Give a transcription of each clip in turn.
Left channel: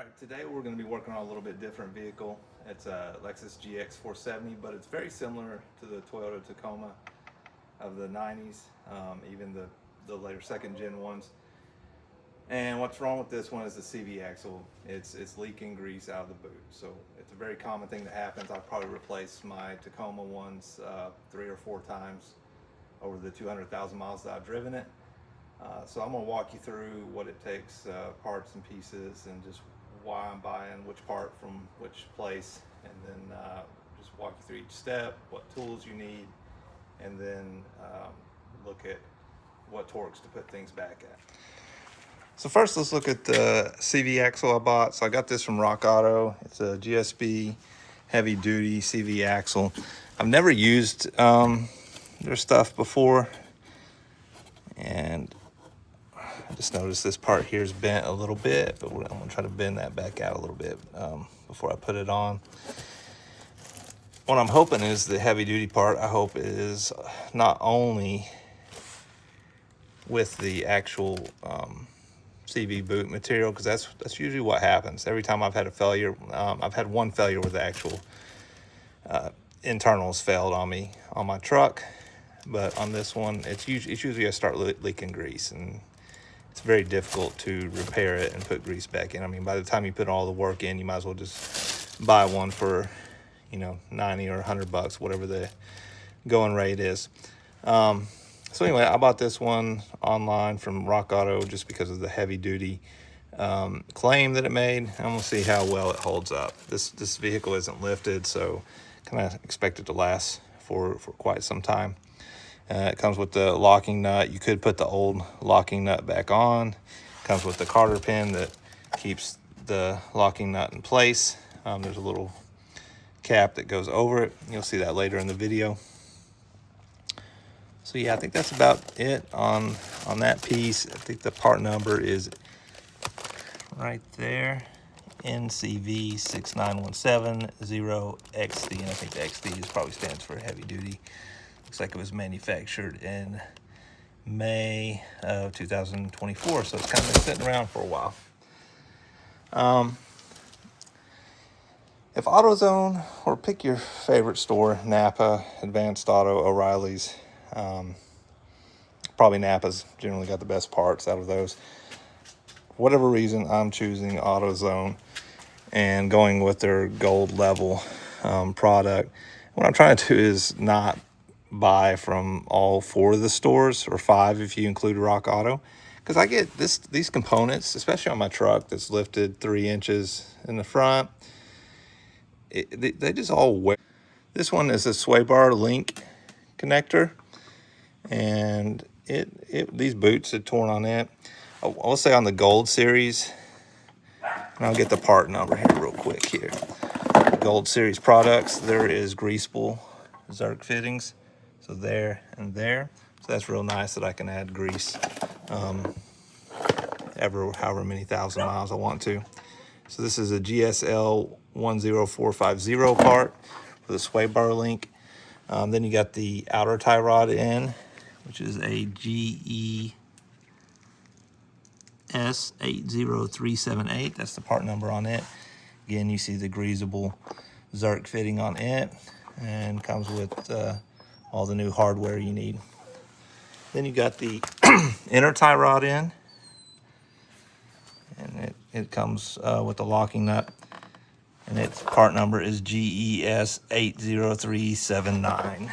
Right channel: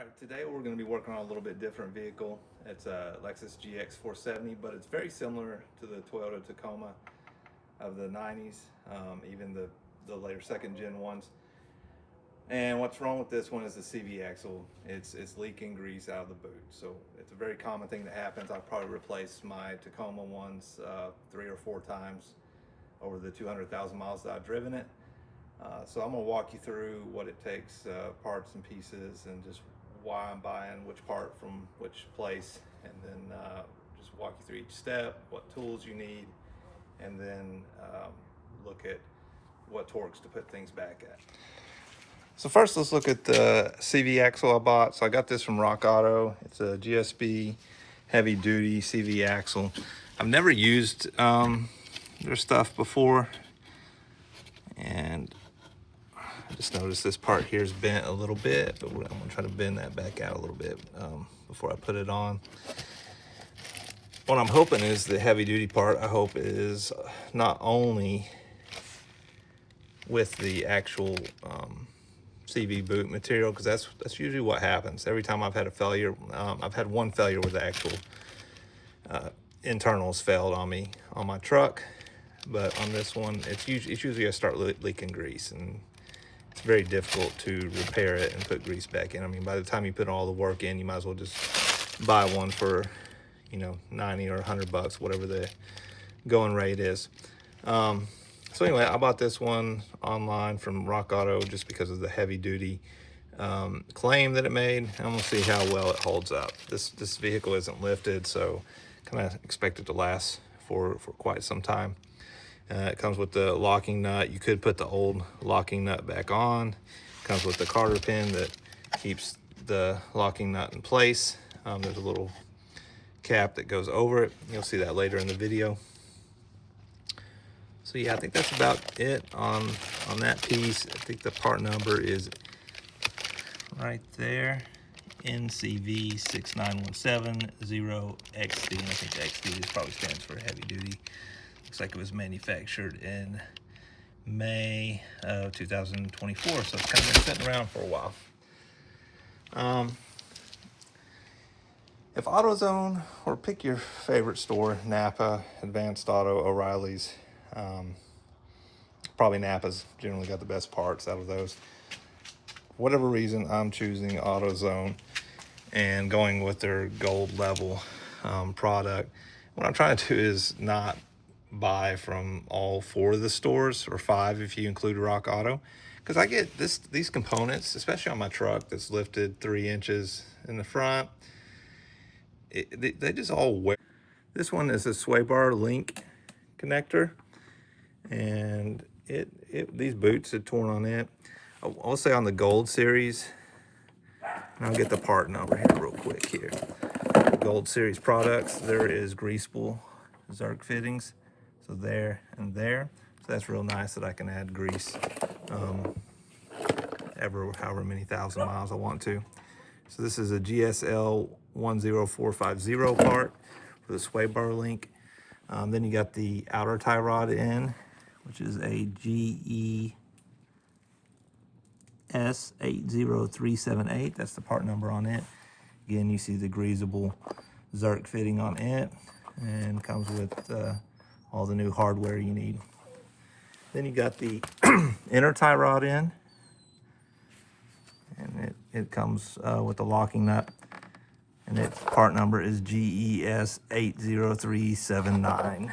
Alright, today we're going to be working on a little bit different vehicle. It's a Lexus GX470, but it's very similar to the Toyota Tacoma of the 90s, even the later second gen ones. And what's wrong with this one is the CV axle. It's leaking grease out of the boot. So it's a very common thing that happens. I've probably replaced my Tacoma ones 3 or 4 times over the 200,000 miles that I've driven it. So I'm going to walk you through what it takes, parts and pieces, and just why I'm buying which part from which place, and then just walk you through each step, what tools you need, and then look at what torques to put things back at. So first, let's look at the CV axle I bought. So I got this from Rock Auto. It's a GSB heavy duty CV axle. I've never used their stuff before, and I just noticed this part here is bent a little bit, but I'm gonna try to bend that back out a little bit before I put it on. What I'm hoping is the heavy duty part, I hope, is not only with the actual CV boot material, because that's usually what happens. Every time I've had a failure, I've had one failure where the actual internals failed on me on my truck, but on this one, it's usually I start leaking grease, and it's very difficult to repair it and put grease back in. I mean, by the time you put all the work in, you might as well just buy one for, 90 or 100 bucks, whatever the going rate is. So anyway, I bought this one online from Rock Auto just because of the heavy duty claim that it made. I'm gonna see how well it holds up. This vehicle isn't lifted, so kind of expect it to last for quite some time. It comes with the locking nut. You could put the old locking nut back on. It comes with the Carter pin that keeps the locking nut in place. There's a little cap that goes over it. You'll see that later in the video. So yeah, I think that's about it on that piece. I think the part number is right there, NCV 69170XD. And I think XD probably stands for heavy duty. Looks like it was manufactured in May of 2024, so it's kind of been sitting around for a while. If AutoZone, or pick your favorite store, Napa, Advanced Auto, O'Reilly's, probably Napa's generally got the best parts out of those. For whatever reason, I'm choosing AutoZone and going with their gold level product. What I'm trying to do is not buy from all 4 of the stores, or 5 if you include Rock Auto, because I get these components, especially on my truck that's lifted 3 inches in the front. They just all wear. This one is a sway bar link connector, and these boots had torn on it. I'll say on the Gold series, and I'll get the part number here real quick here. The Gold series products, there is greaseable Zerk fittings. So there and there. So that's real nice that I can add grease however many thousand miles I want to. So this is a GSL 10450 part for the sway bar link. Then you got the outer tie rod in, which is a GES 80378. That's the part number on it. Again, you see the greasable Zerk fitting on it, and comes with all the new hardware you need. Then you got the inner tie rod in, and it comes with the locking nut, and its part number is GES 80379.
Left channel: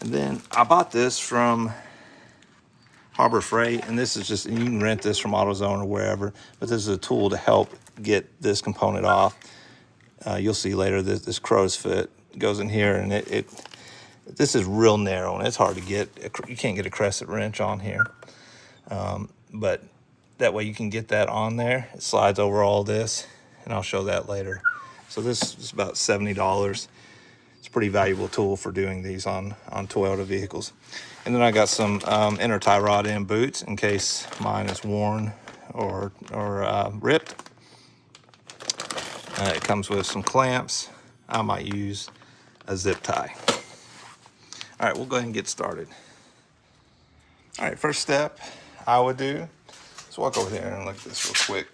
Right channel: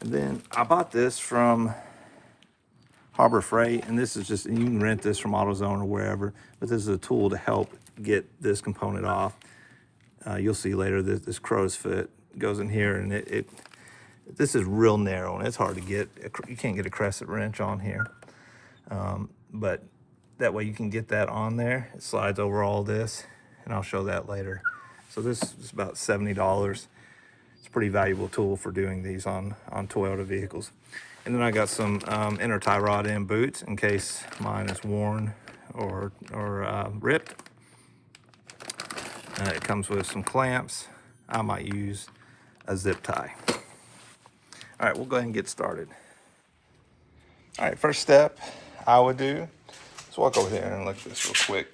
And then I bought this from Harbor Freight, and this is just, you can rent this from AutoZone or wherever, but this is a tool to help get this component off. You'll see later that this crow's foot goes in here, and this is real narrow, and it's hard to get. You can't get a crescent wrench on here, but that way you can get that on there. It slides over all this, and I'll show that later. So this is about $70. It's a pretty valuable tool for doing these on Toyota vehicles. And then I got some inner tie rod in boots in case mine is worn or ripped. It comes with some clamps. I might use a zip tie. All right, we'll go ahead and get started. All right, first step I would do, let's walk over here and look at this real quick.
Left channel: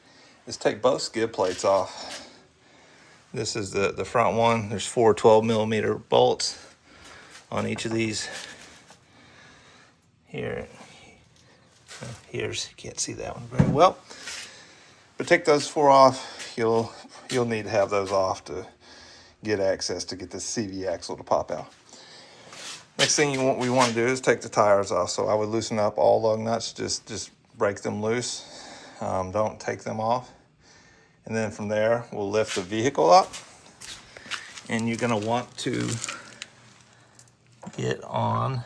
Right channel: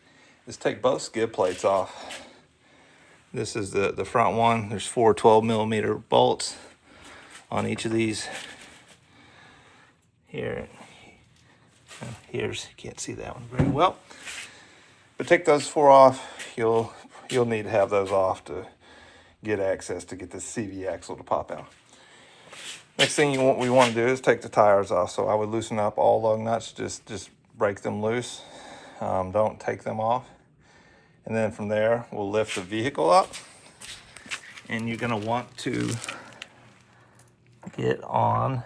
is take both skid plates off. This is the front one. There's 4 12mm bolts on each of these. Here's, you can't see that one very well. But take those 4 off. You'll need to have those off to get access to get this CV axle to pop out. Next thing we want to do is take the tires off. So I would loosen up all lug nuts, just break them loose. Don't take them off. And then from there, we'll lift the vehicle up. And you're gonna want to get on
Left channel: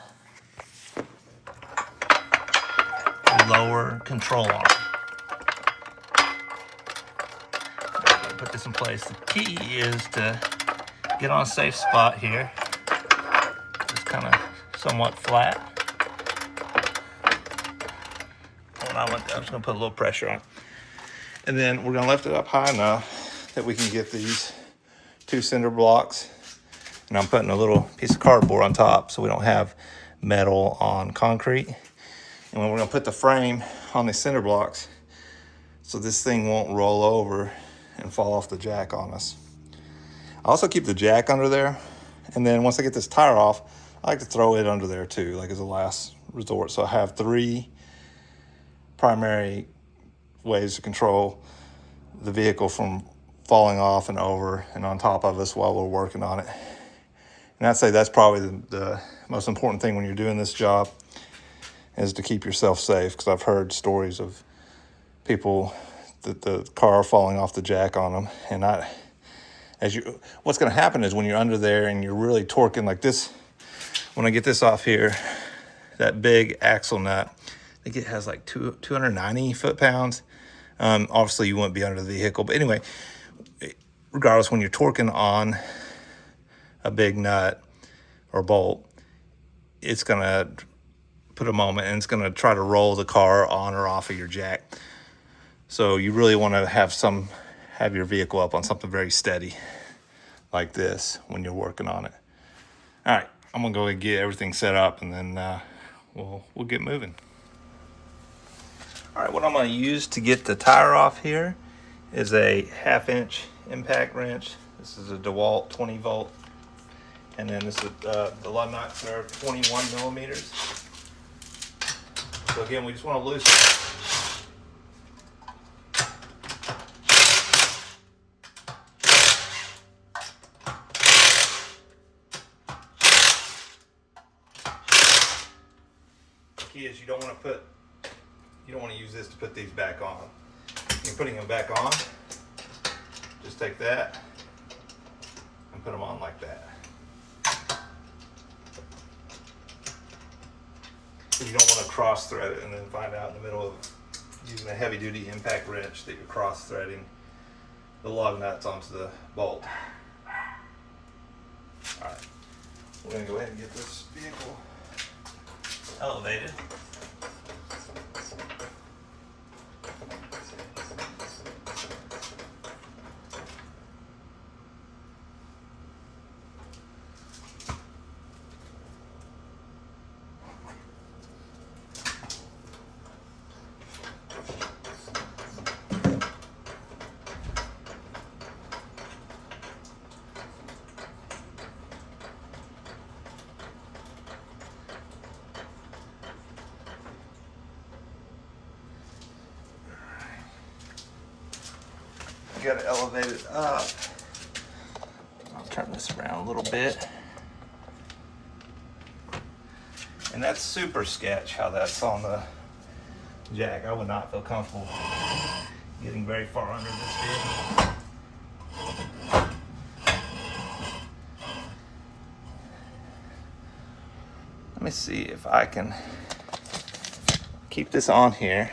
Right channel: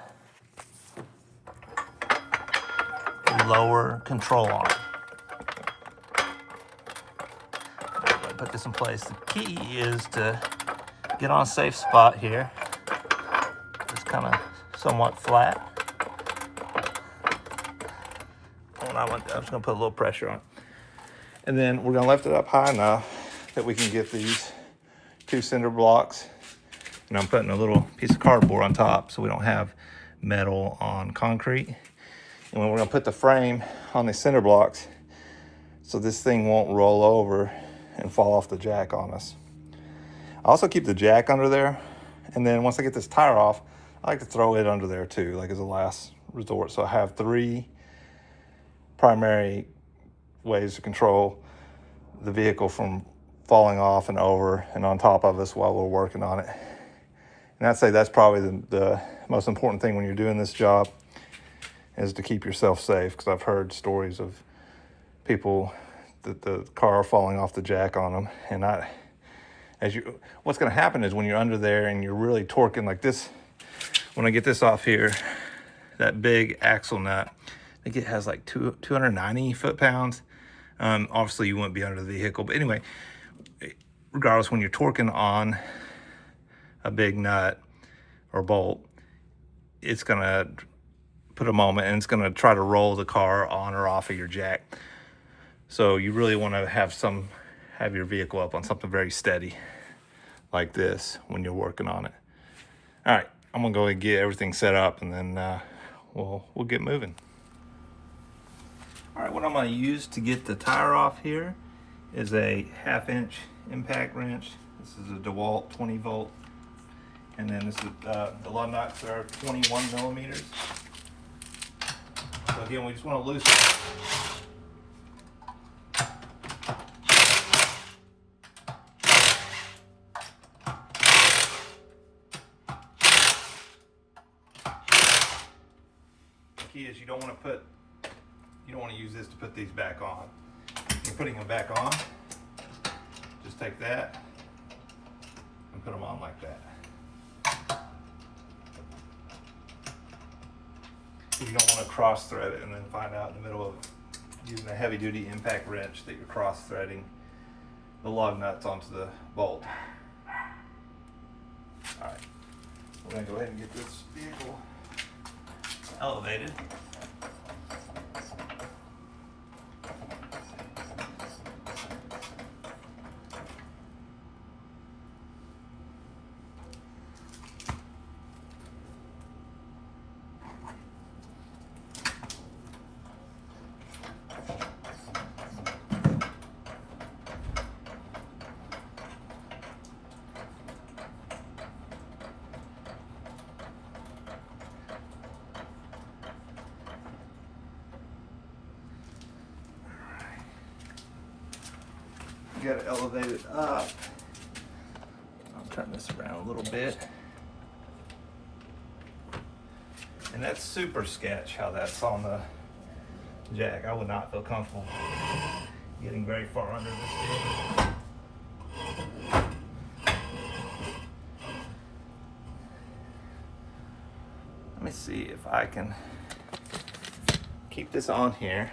the lower control arm. Put this in place. The key is to get on a safe spot here. It's kind of somewhat flat. I'm just gonna put a little pressure on. And then we're gonna lift it up high enough that we can get these 2 cinder blocks. And I'm putting a little piece of cardboard on top so we don't have metal on concrete. And when we're gonna put the frame on the cinder blocks so this thing won't roll over and fall off the jack on us. I also keep the jack under there. And then once I get this tire off, I like to throw it under there too, like as a last resort. So I have 3 primary ways to control the vehicle from falling off and over and on top of us while we're working on it. And I'd say that's probably the most important thing when you're doing this job, is to keep yourself safe, because I've heard stories of people that the car falling off the jack on them. And what's going to happen is when you're under there and you're really torquing like this, when I get this off here, that big axle nut, I think it has like 290 foot-pounds. Obviously you wouldn't be under the vehicle, but anyway, regardless, when you're torquing on a big nut or bolt, it's gonna put a moment and it's gonna try to roll the car on or off of your jack. So you really want to have your vehicle up on something very steady like this when you're working on it. All right, I'm gonna go and get everything set up, and then we'll get moving. All right, what I'm gonna use to get the tire off here is a 1/2-inch impact wrench. This is a DeWalt 20 volt. And then this is the lug nuts are 21 millimeters. So again, we just want to loosen it. The key is you don't want to use this to put these back on. You're putting them back on. Just take that and put them on like that. You don't want to cross thread it and then find out in the middle of using a heavy duty impact wrench that you're cross threading the lug nuts onto the bolt. All right, we're gonna go ahead and get this vehicle elevated. You gotta elevate it up. I'll turn this around a little bit. And that's super sketch how that's on the jack. I would not feel comfortable getting very far under this vehicle. Let me see if I can keep this on here.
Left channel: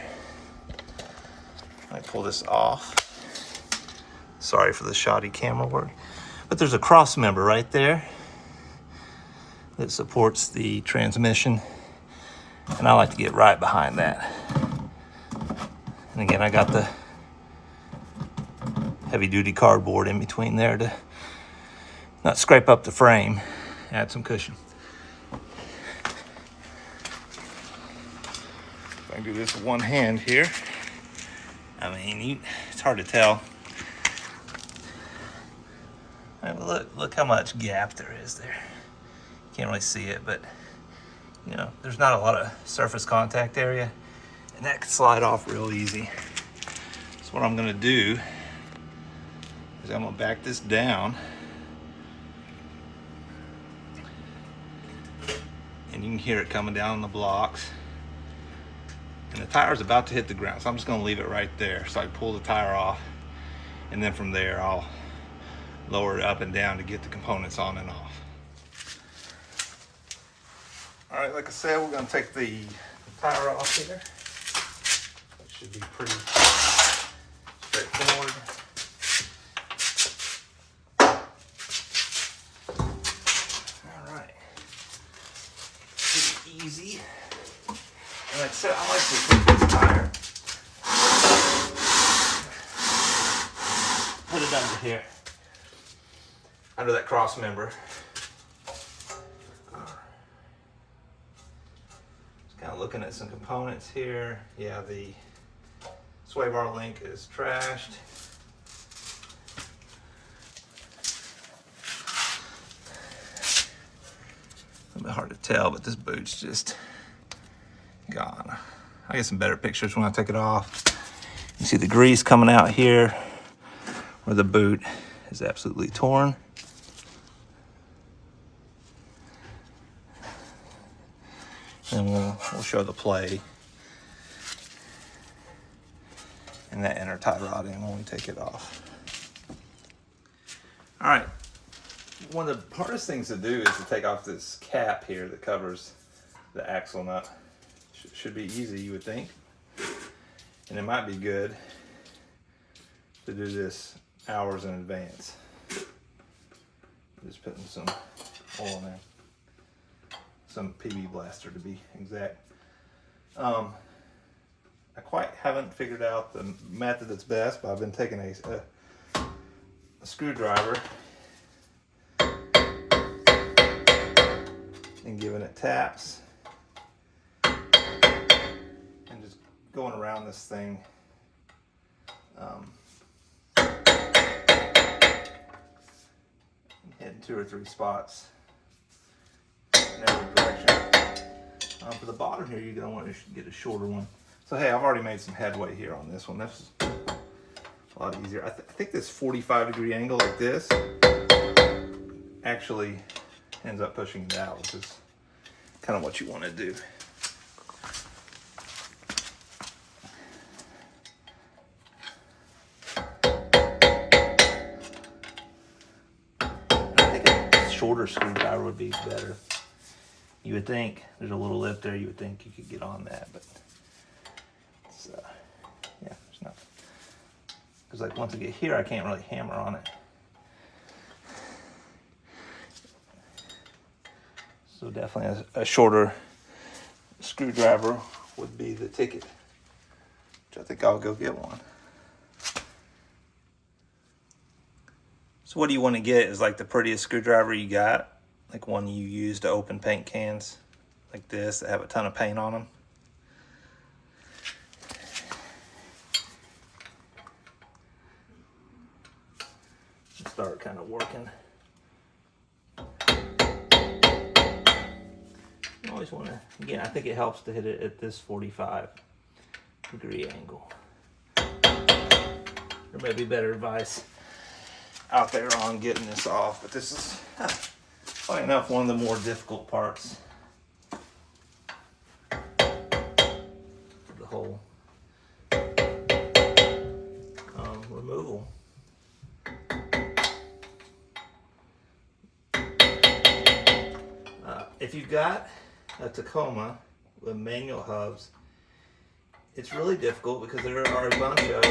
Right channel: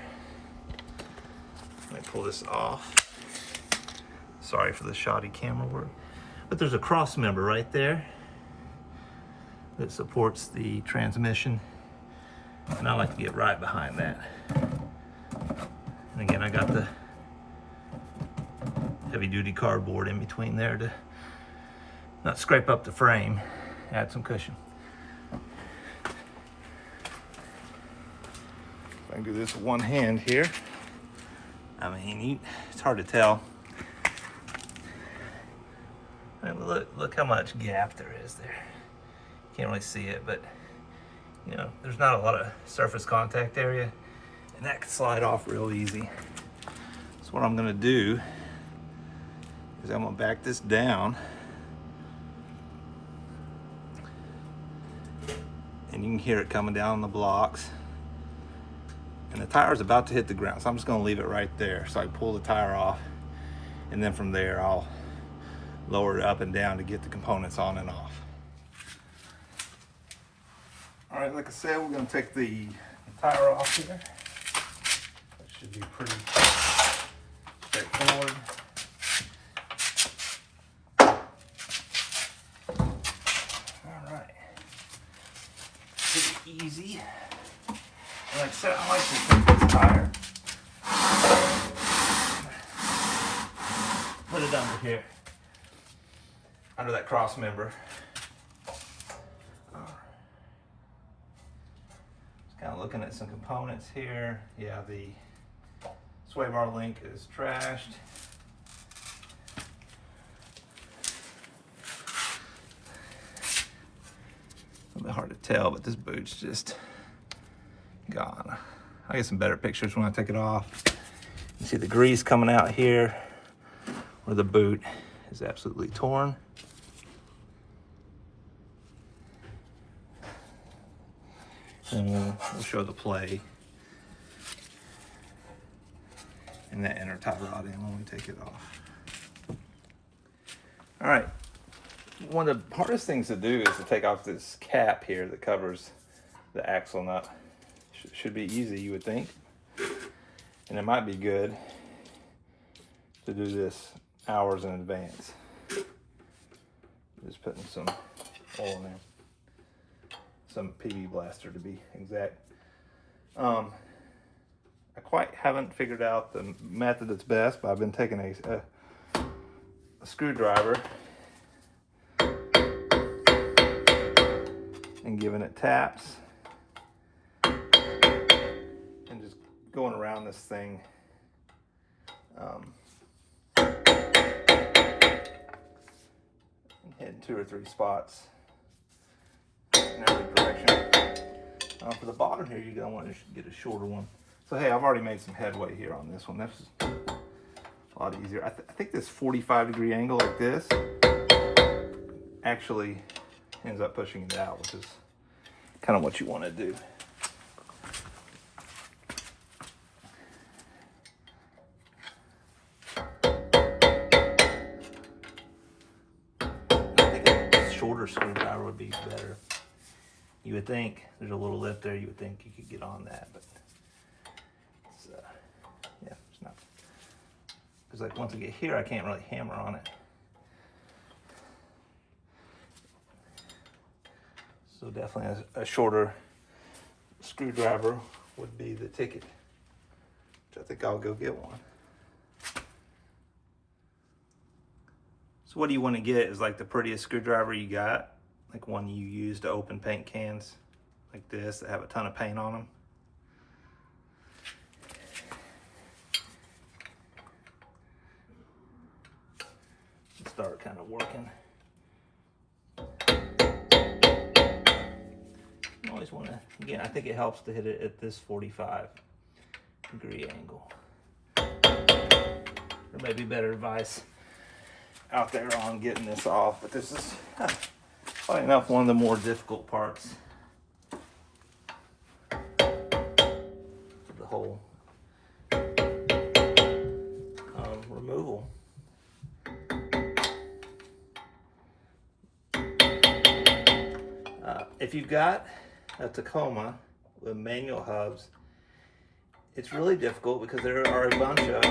Let me pull this off. Sorry for the shoddy camera work. But there's a cross member right there that supports the transmission. And I like to get right behind that. And again, I got the heavy duty cardboard in between there to not scrape up the frame, add some cushion. If I can do this with one hand here. I mean, it's hard to tell. I mean, look how much gap there is there. Can't really see it, but you know, there's not a lot of surface contact area, and that can slide off real easy. So what I'm gonna do is I'm gonna back this down, and you can hear it coming down the blocks. And the tire's about to hit the ground, so I'm just gonna leave it right there so I pull the tire off, and then from there I'll lower it up and down to get the components on and off. All right, like I said, we're gonna take the tire off here. That should be pretty straightforward. All right, pretty easy. And like I said, I like to take this tire, put it under here, under that cross member. Just kind of looking at some components here. Yeah, the sway bar link is trashed. A little bit hard to tell, but this boot's just gone. I get some better pictures when I take it off. You see the grease coming out here where the boot is absolutely torn. Then we'll show the play and that inner tie rod in when we take it off. All right, one of the hardest things to do is to take off this cap here that covers the axle nut. Should be easy, you would think, and it might be good to do this hours in advance. Just putting some oil in there, some PB Blaster to be exact. I quite haven't figured out the method that's best, but I've been taking a screwdriver and giving it taps. Going around this thing, hitting 2 or 3 spots in every direction. For the bottom here, you're gonna want to get a shorter one. So hey, I've already made some headway here on this one. That's a lot easier. I think this 45-degree angle like this actually ends up pushing it out, which is kind of what you want to do. Shorter screwdriver would be better. You would think there's a little lip there. You would think you could get on that, but it's, yeah, there's not. Because like once I get here, I can't really hammer on it. So definitely a shorter screwdriver would be the ticket. Which I think I'll go get one. So what do you want to get is like the prettiest screwdriver you got, like one you use to open paint cans like this that have a ton of paint on them. Start kind of working. You always want to, again, I think it helps to hit it at this 45-degree angle. There may be better advice out there on getting this off, but this is probably enough one of the more difficult parts of the whole removal. If you've got a Tacoma with manual hubs, it's really difficult because there are a bunch of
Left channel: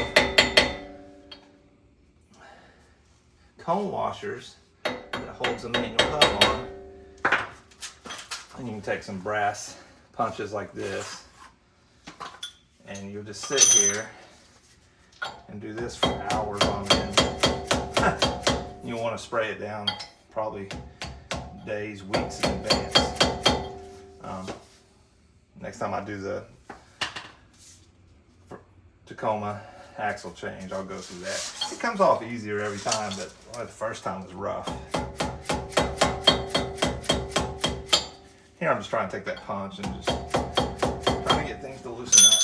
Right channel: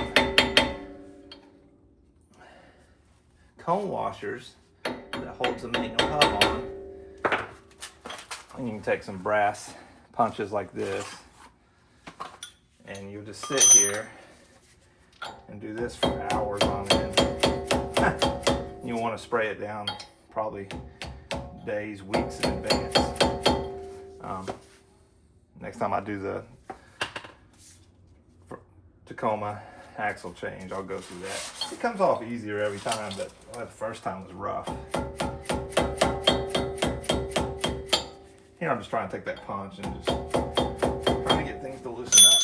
cone washers that holds the manual hub on, and you can take some brass punches like this, and you'll just sit here and do this for hours on end. You'll want to spray it down probably days, weeks in advance. Next time I do the Tacoma, axle change, I'll go through that. It comes off easier every time, but the first time was rough. Here I'm just trying to take that punch and just trying to get things to loosen up.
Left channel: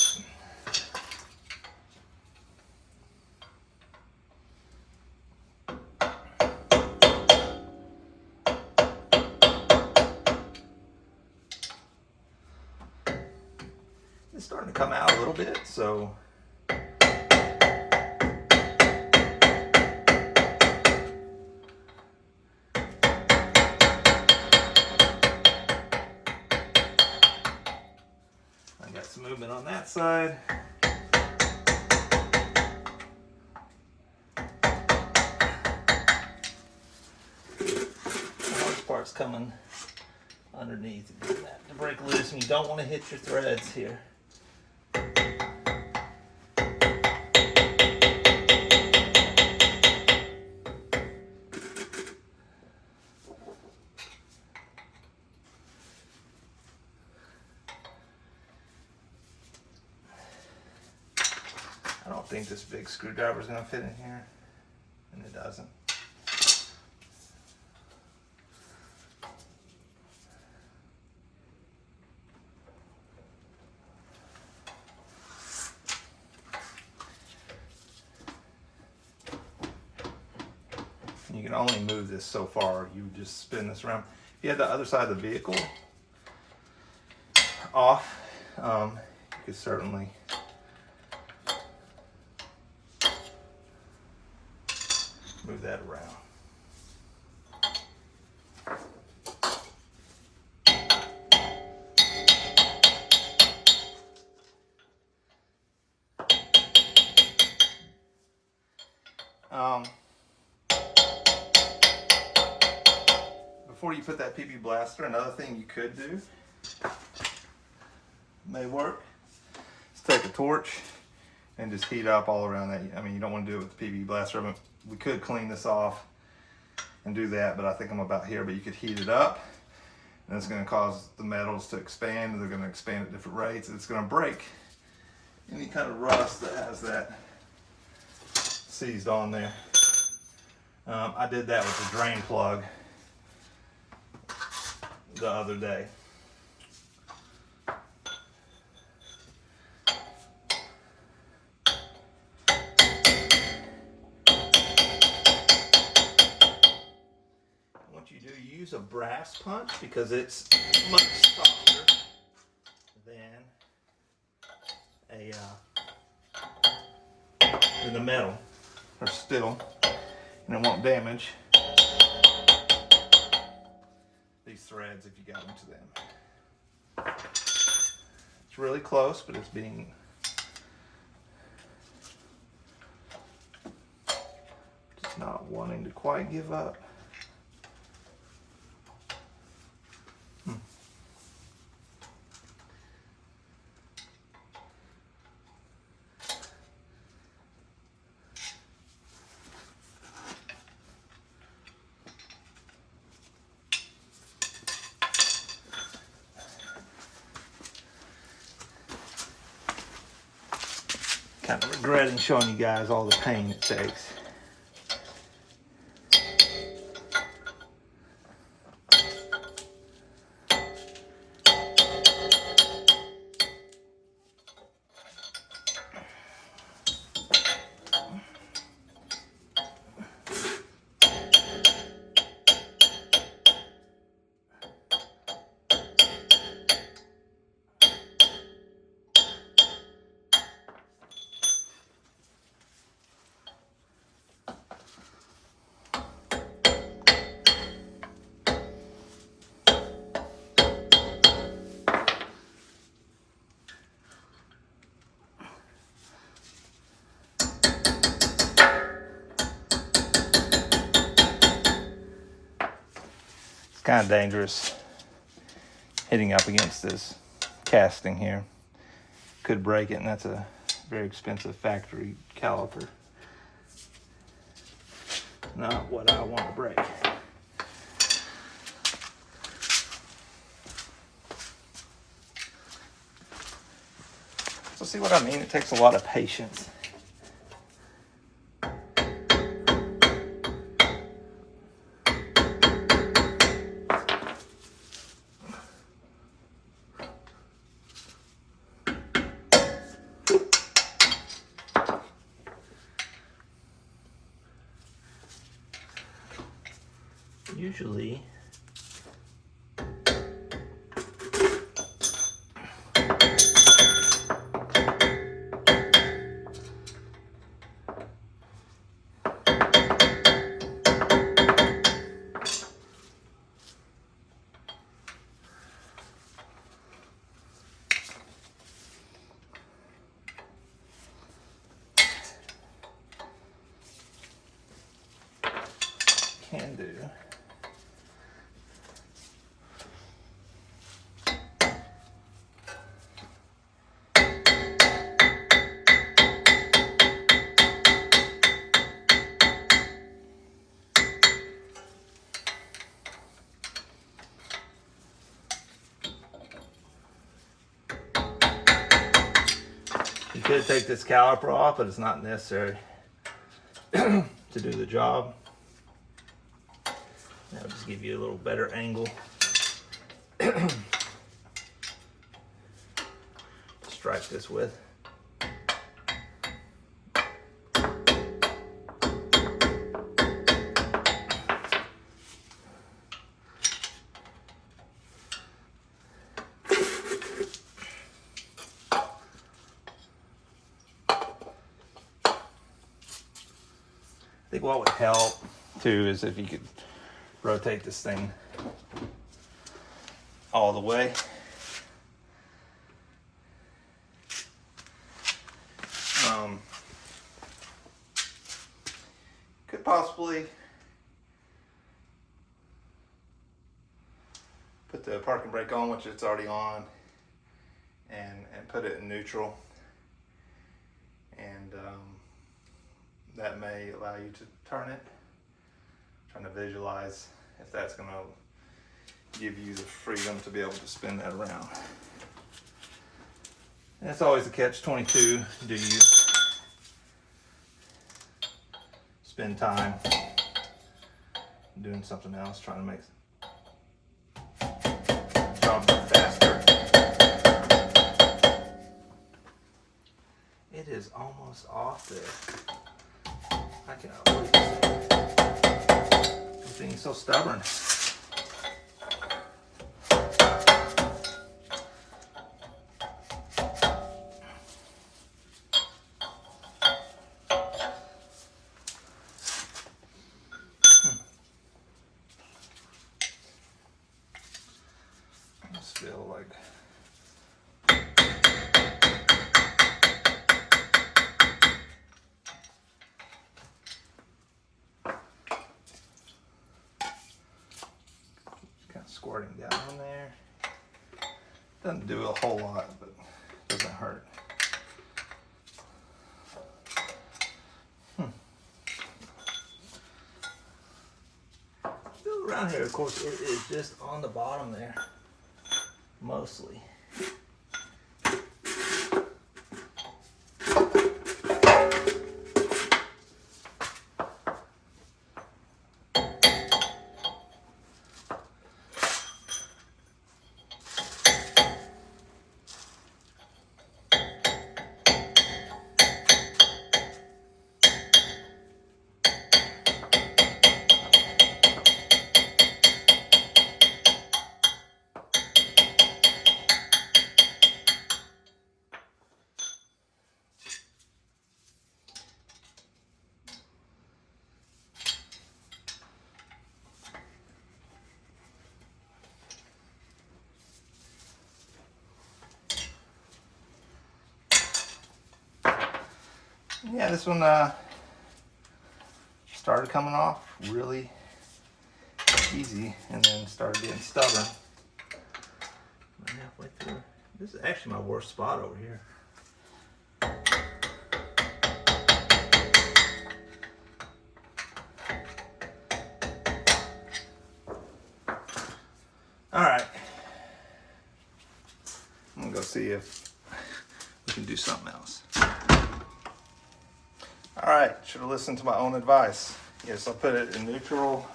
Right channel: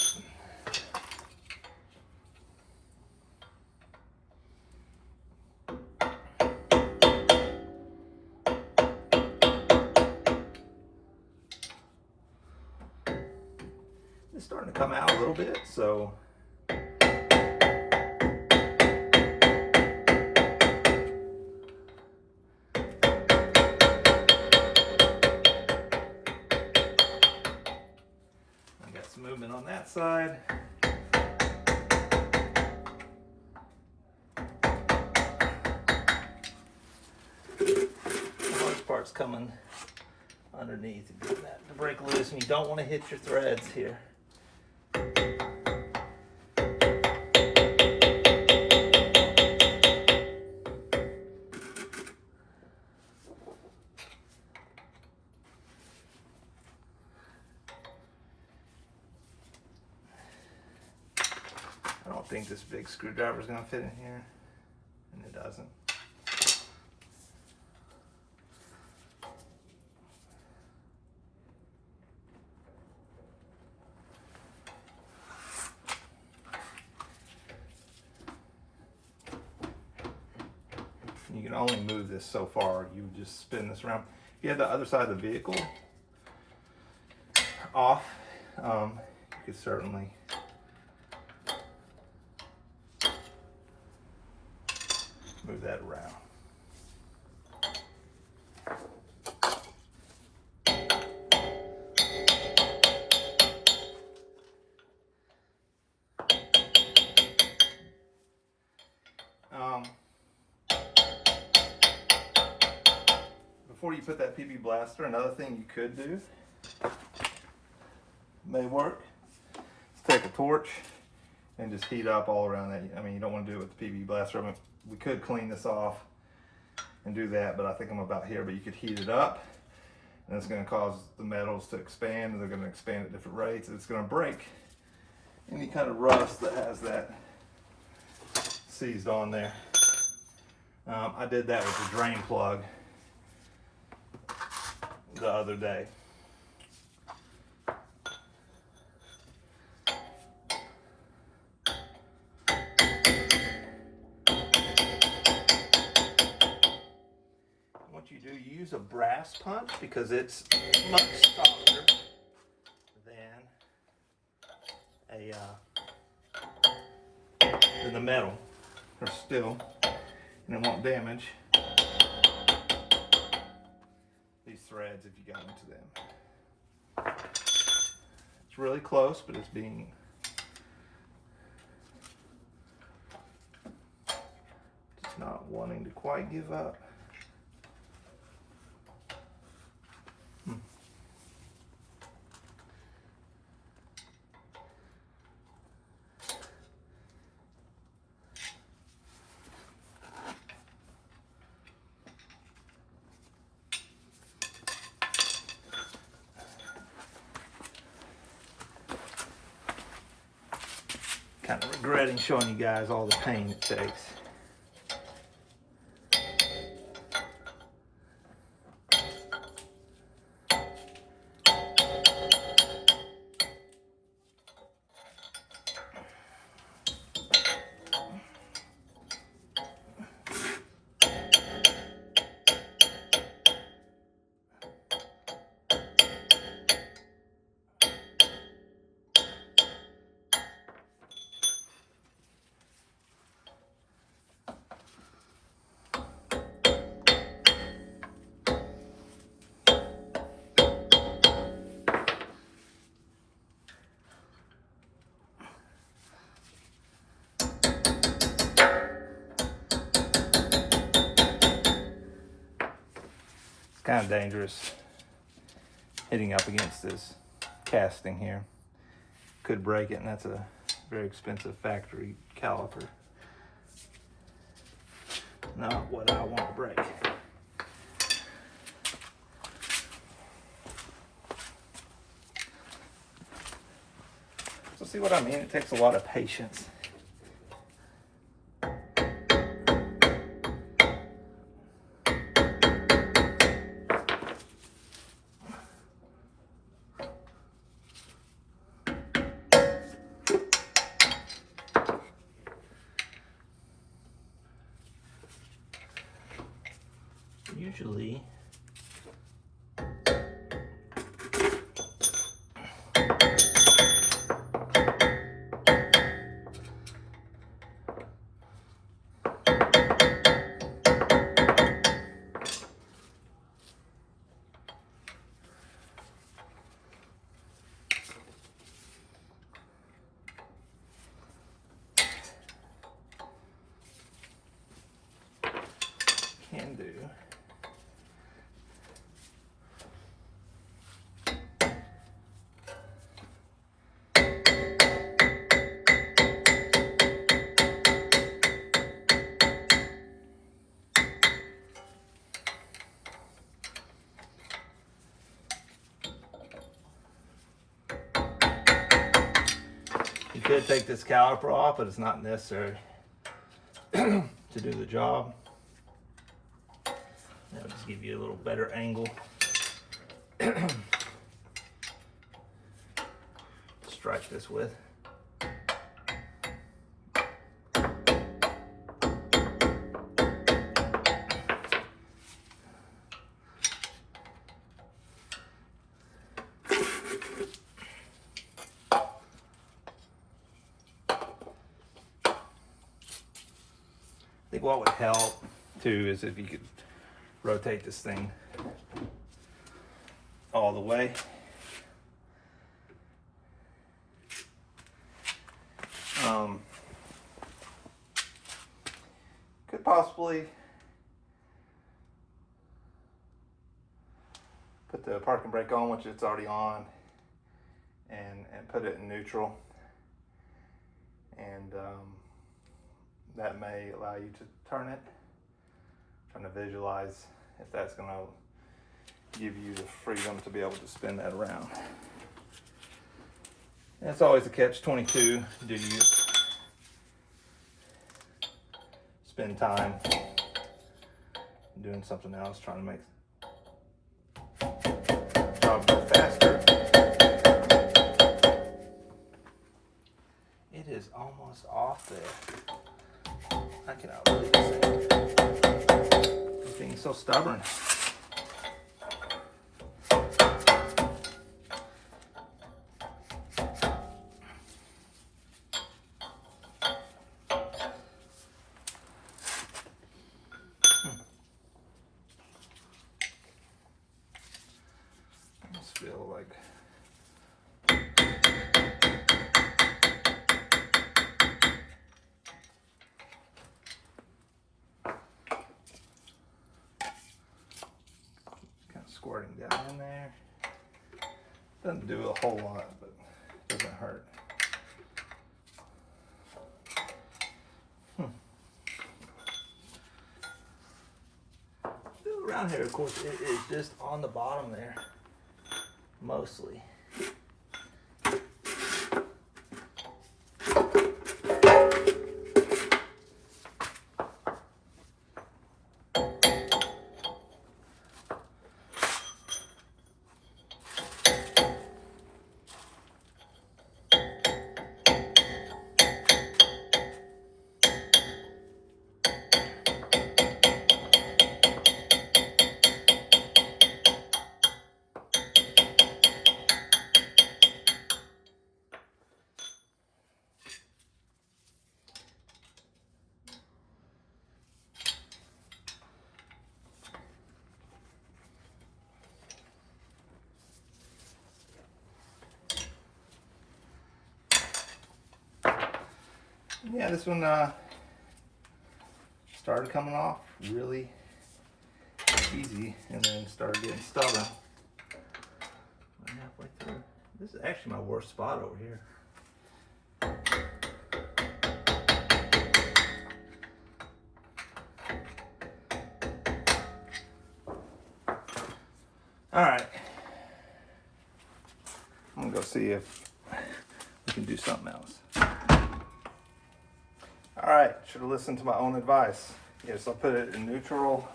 It's starting to come out a little bit, so some movement on that side. The hardest part's coming underneath and getting that to break loose, and you don't want to hit your threads here. I don't think this big screwdriver is going to fit in here, and it doesn't. You can only move this so far. You would just spin this around. If you had the other side of the vehicle off, you could certainly move that around. Before you put that PB blaster, another thing you could do, may work, is take a torch and just heat up all around that. I mean, you don't want to do it with the PB blaster. I mean, we could clean this off and do that, but I think I'm about here. But you could heat it up, and it's going to cause the metals to expand, and they're going to expand at different rates. It's going to break any kind of rust that has that seized on there. I did that with the drain plug the other day. What you do, you use a brass punch because it's much softer than the metal or steel, and it won't damage these threads if you got into them. It's really close, but it's being just not wanting to quite give up. Kind of regretting showing you guys all the pain it takes. Kind of dangerous hitting up against this casting here. Could break it, and that's a very expensive factory caliper. Not what I want to break. So see what I mean? It takes a lot of patience usually can do. You could take this caliper off, but it's not necessary to do the job. That'll just give you a little better angle. Strike this with. I think what would help too is if you could rotate this thing all the way. Could possibly put the parking brake on, which it's already on, and put it in neutral, and that may allow you to turn it. I'm trying to visualize if that's going to give you the freedom to be able to spin that around. And it's always a catch-22. Do you spend time doing something else, trying to make the job go faster? It is almost off there. I cannot believe it. I'm being so stubborn. I just feel like squirting down there. Doesn't do a whole lot, but doesn't hurt. Still around here, of course, it is just on the bottom there, mostly. Yeah, this one started coming off really easy and then started getting stubborn. Halfway through. This is actually my worst spot over here. All right, I'm gonna go see if we can do something else. All right, should have listened to my own advice. Yes, I'll put it in neutral.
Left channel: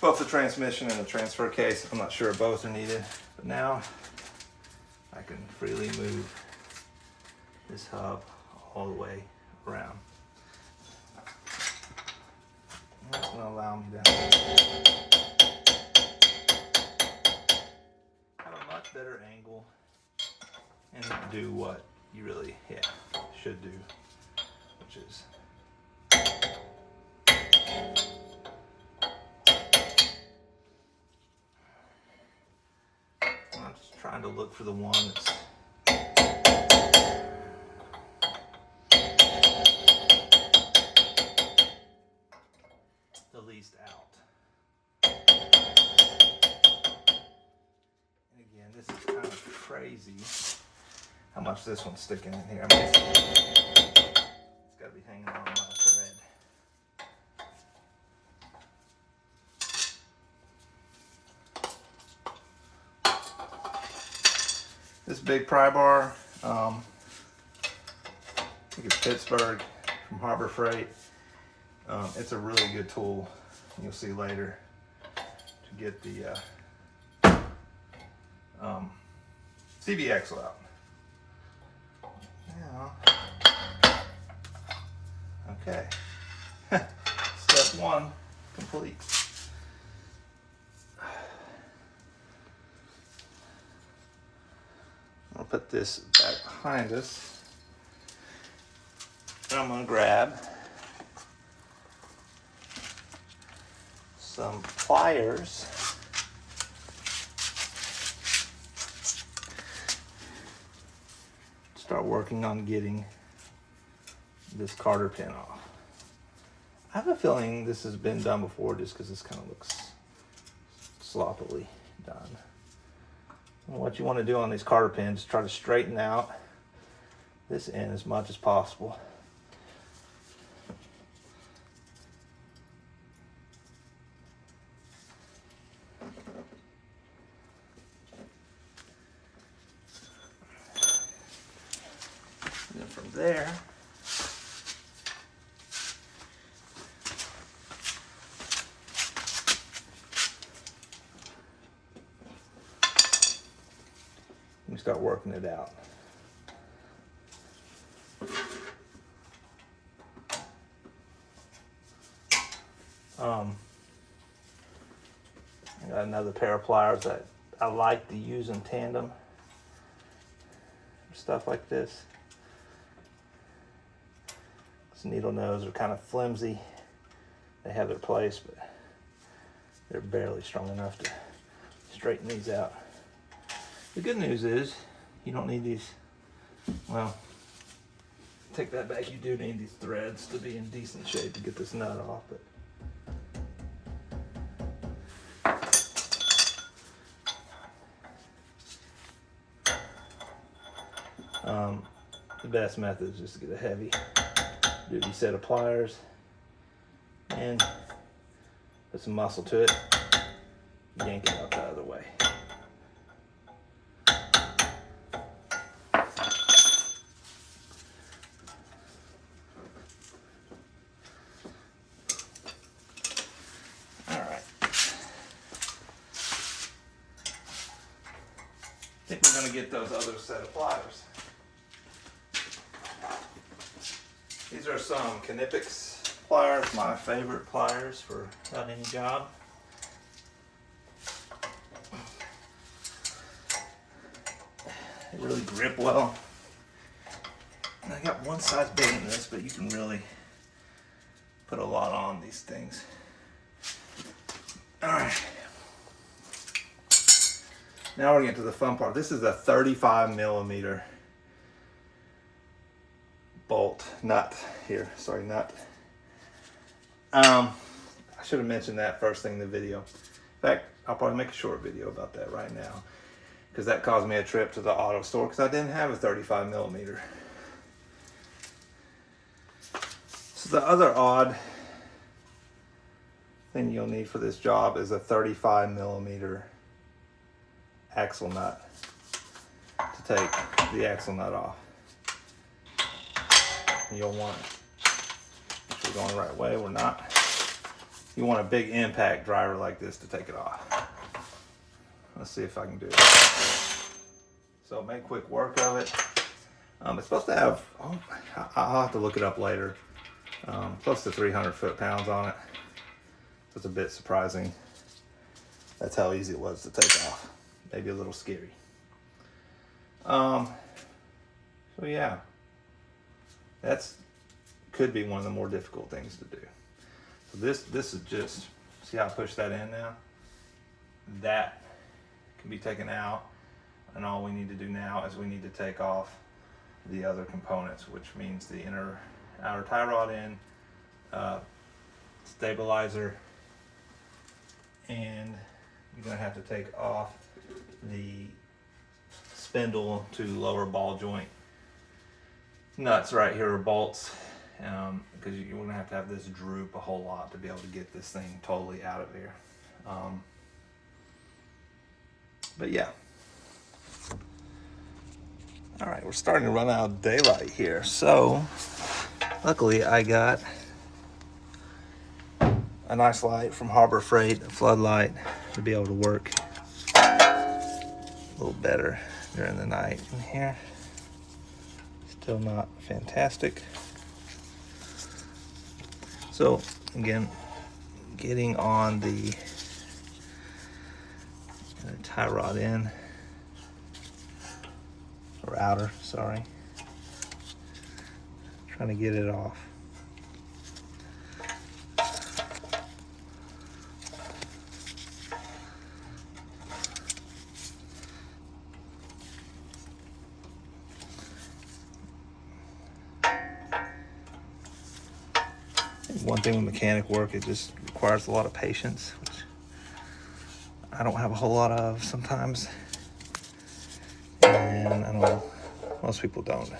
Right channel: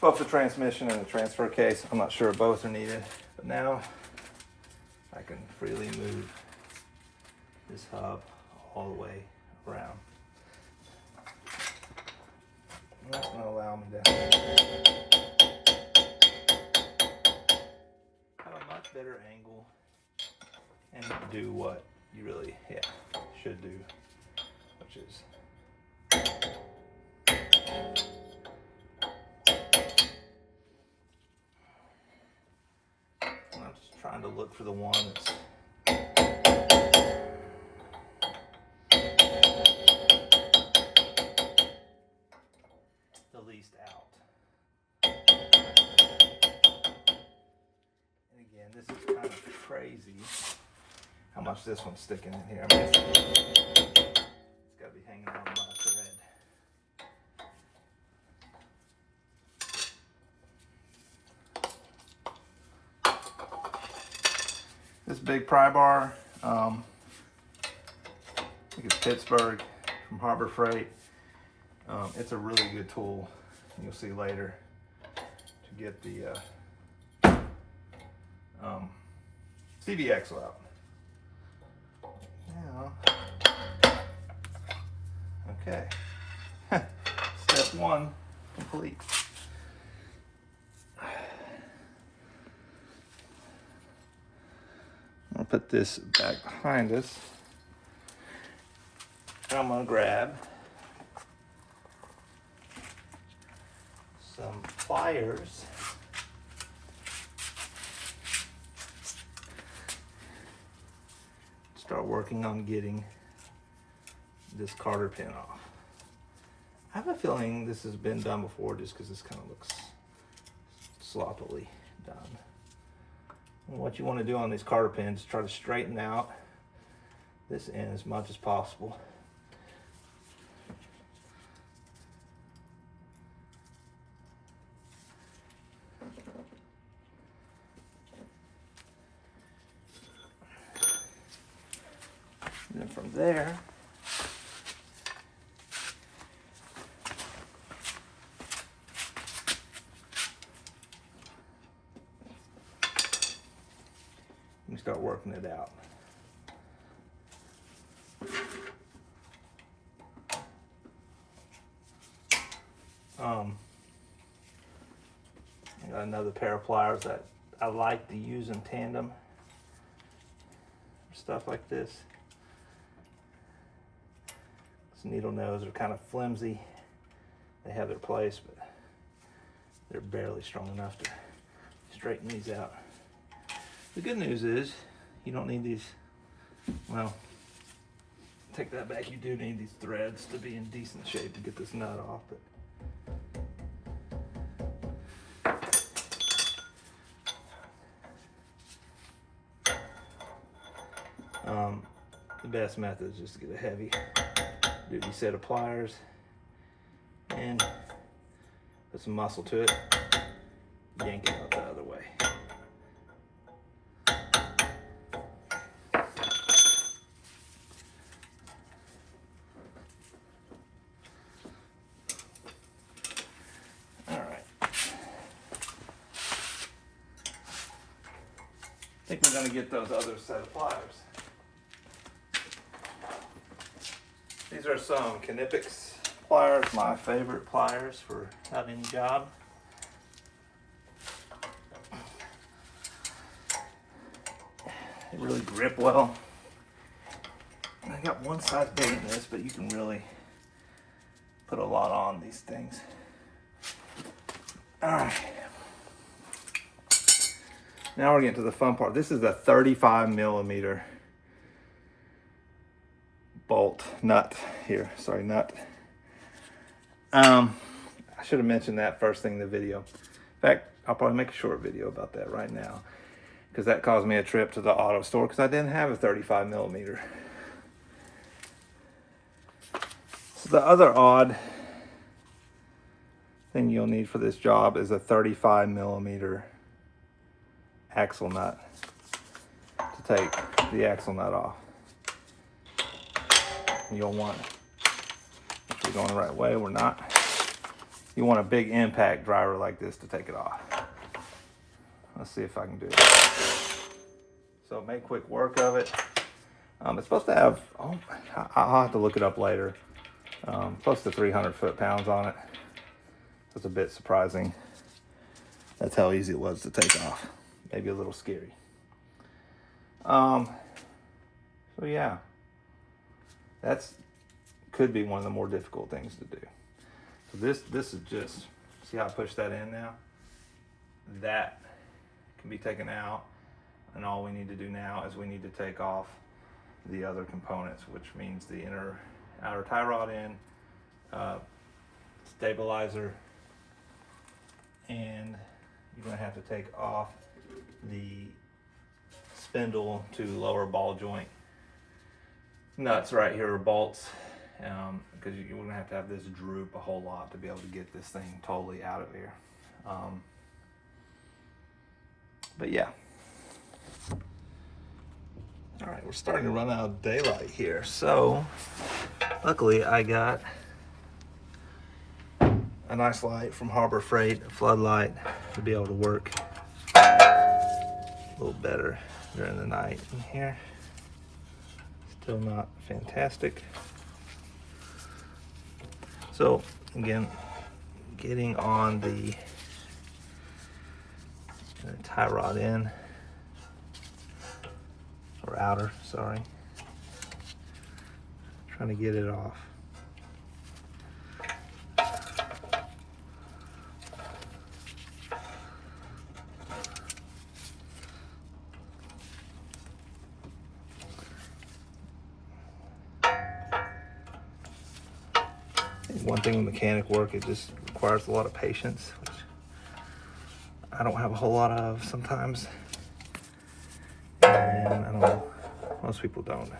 Both the transmission and the transfer case. I'm not sure both are needed, but now I can freely move this hub all the way around. And that's gonna allow me to do what you really, should do, which is I'm just trying to look for the one that's the least out. And again, this is kind of crazy how much this one's sticking in here. I mean, it's got to be hanging on by a thread. This big pry bar, I think it's Pittsburgh from Harbor Freight. It's a really good tool. You'll see later to get the CV axle out. Now, okay, step one complete. I'm gonna put this back behind us, and I'm gonna grab some pliers. Start working on getting this Carter pin off. I have a feeling this has been done before just because this kind of looks sloppily done. And what you want to do on these Carter pins is try to straighten out this end as much as possible. And then from there, you start working it out. I got another pair of pliers that I like to use in tandem for stuff like this. These needle nose are kind of flimsy. They have their place, but they're barely strong enough to straighten these out. The good news is you don't need these, well, take that back, you do need these threads to be in decent shape to get this nut off, but the best method is just to get a heavy duty set of pliers and put some muscle to it, yank it out the other way. Alright. I think we're going to get those other set of pliers. These are some Knipex pliers, my favorite pliers for about any job. They really grip well. I got one size bigger than this, but you can really put a lot on these things. Alright. Now we're getting to the fun part. This is a 35mm bolt nut here. Sorry, nut. I should have mentioned that first thing in the video. In fact, I'll probably make a short video about that right now, because that caused me a trip to the auto store because I didn't have a 35mm. So the other odd thing you'll need for this job is a 35mm axle nut to take the axle nut off. You'll want, if we're going the right way, we're not. You want a big impact driver like this to take it off. Let's see if I can do it. So make quick work of it. It's supposed to have, I'll have to look it up later, close to 300 foot-pounds on it. So it's a bit surprising. That's how easy it was to take off. Maybe a little scary. So yeah, that's could be one of the more difficult things to do. So this is just, see how I push that in now? That can be taken out, and all we need to do now is we need to take off the other components, which means the outer tie rod end, stabilizer, and you're gonna have to take off the spindle to lower ball joint nuts right here, or bolts, because you're gonna have to have this droop a whole lot to be able to get this thing totally out of here. But yeah. All right, we're starting to run out of daylight here. So luckily I got a nice light from Harbor Freight, a floodlight, to be able to work a little better during the night. In here, still not fantastic. So again, getting on the tie rod in, or outer, sorry. Trying to get it off. One thing with mechanic work, it just requires a lot of patience, which I don't have a whole lot of sometimes. And I don't know, most people don't.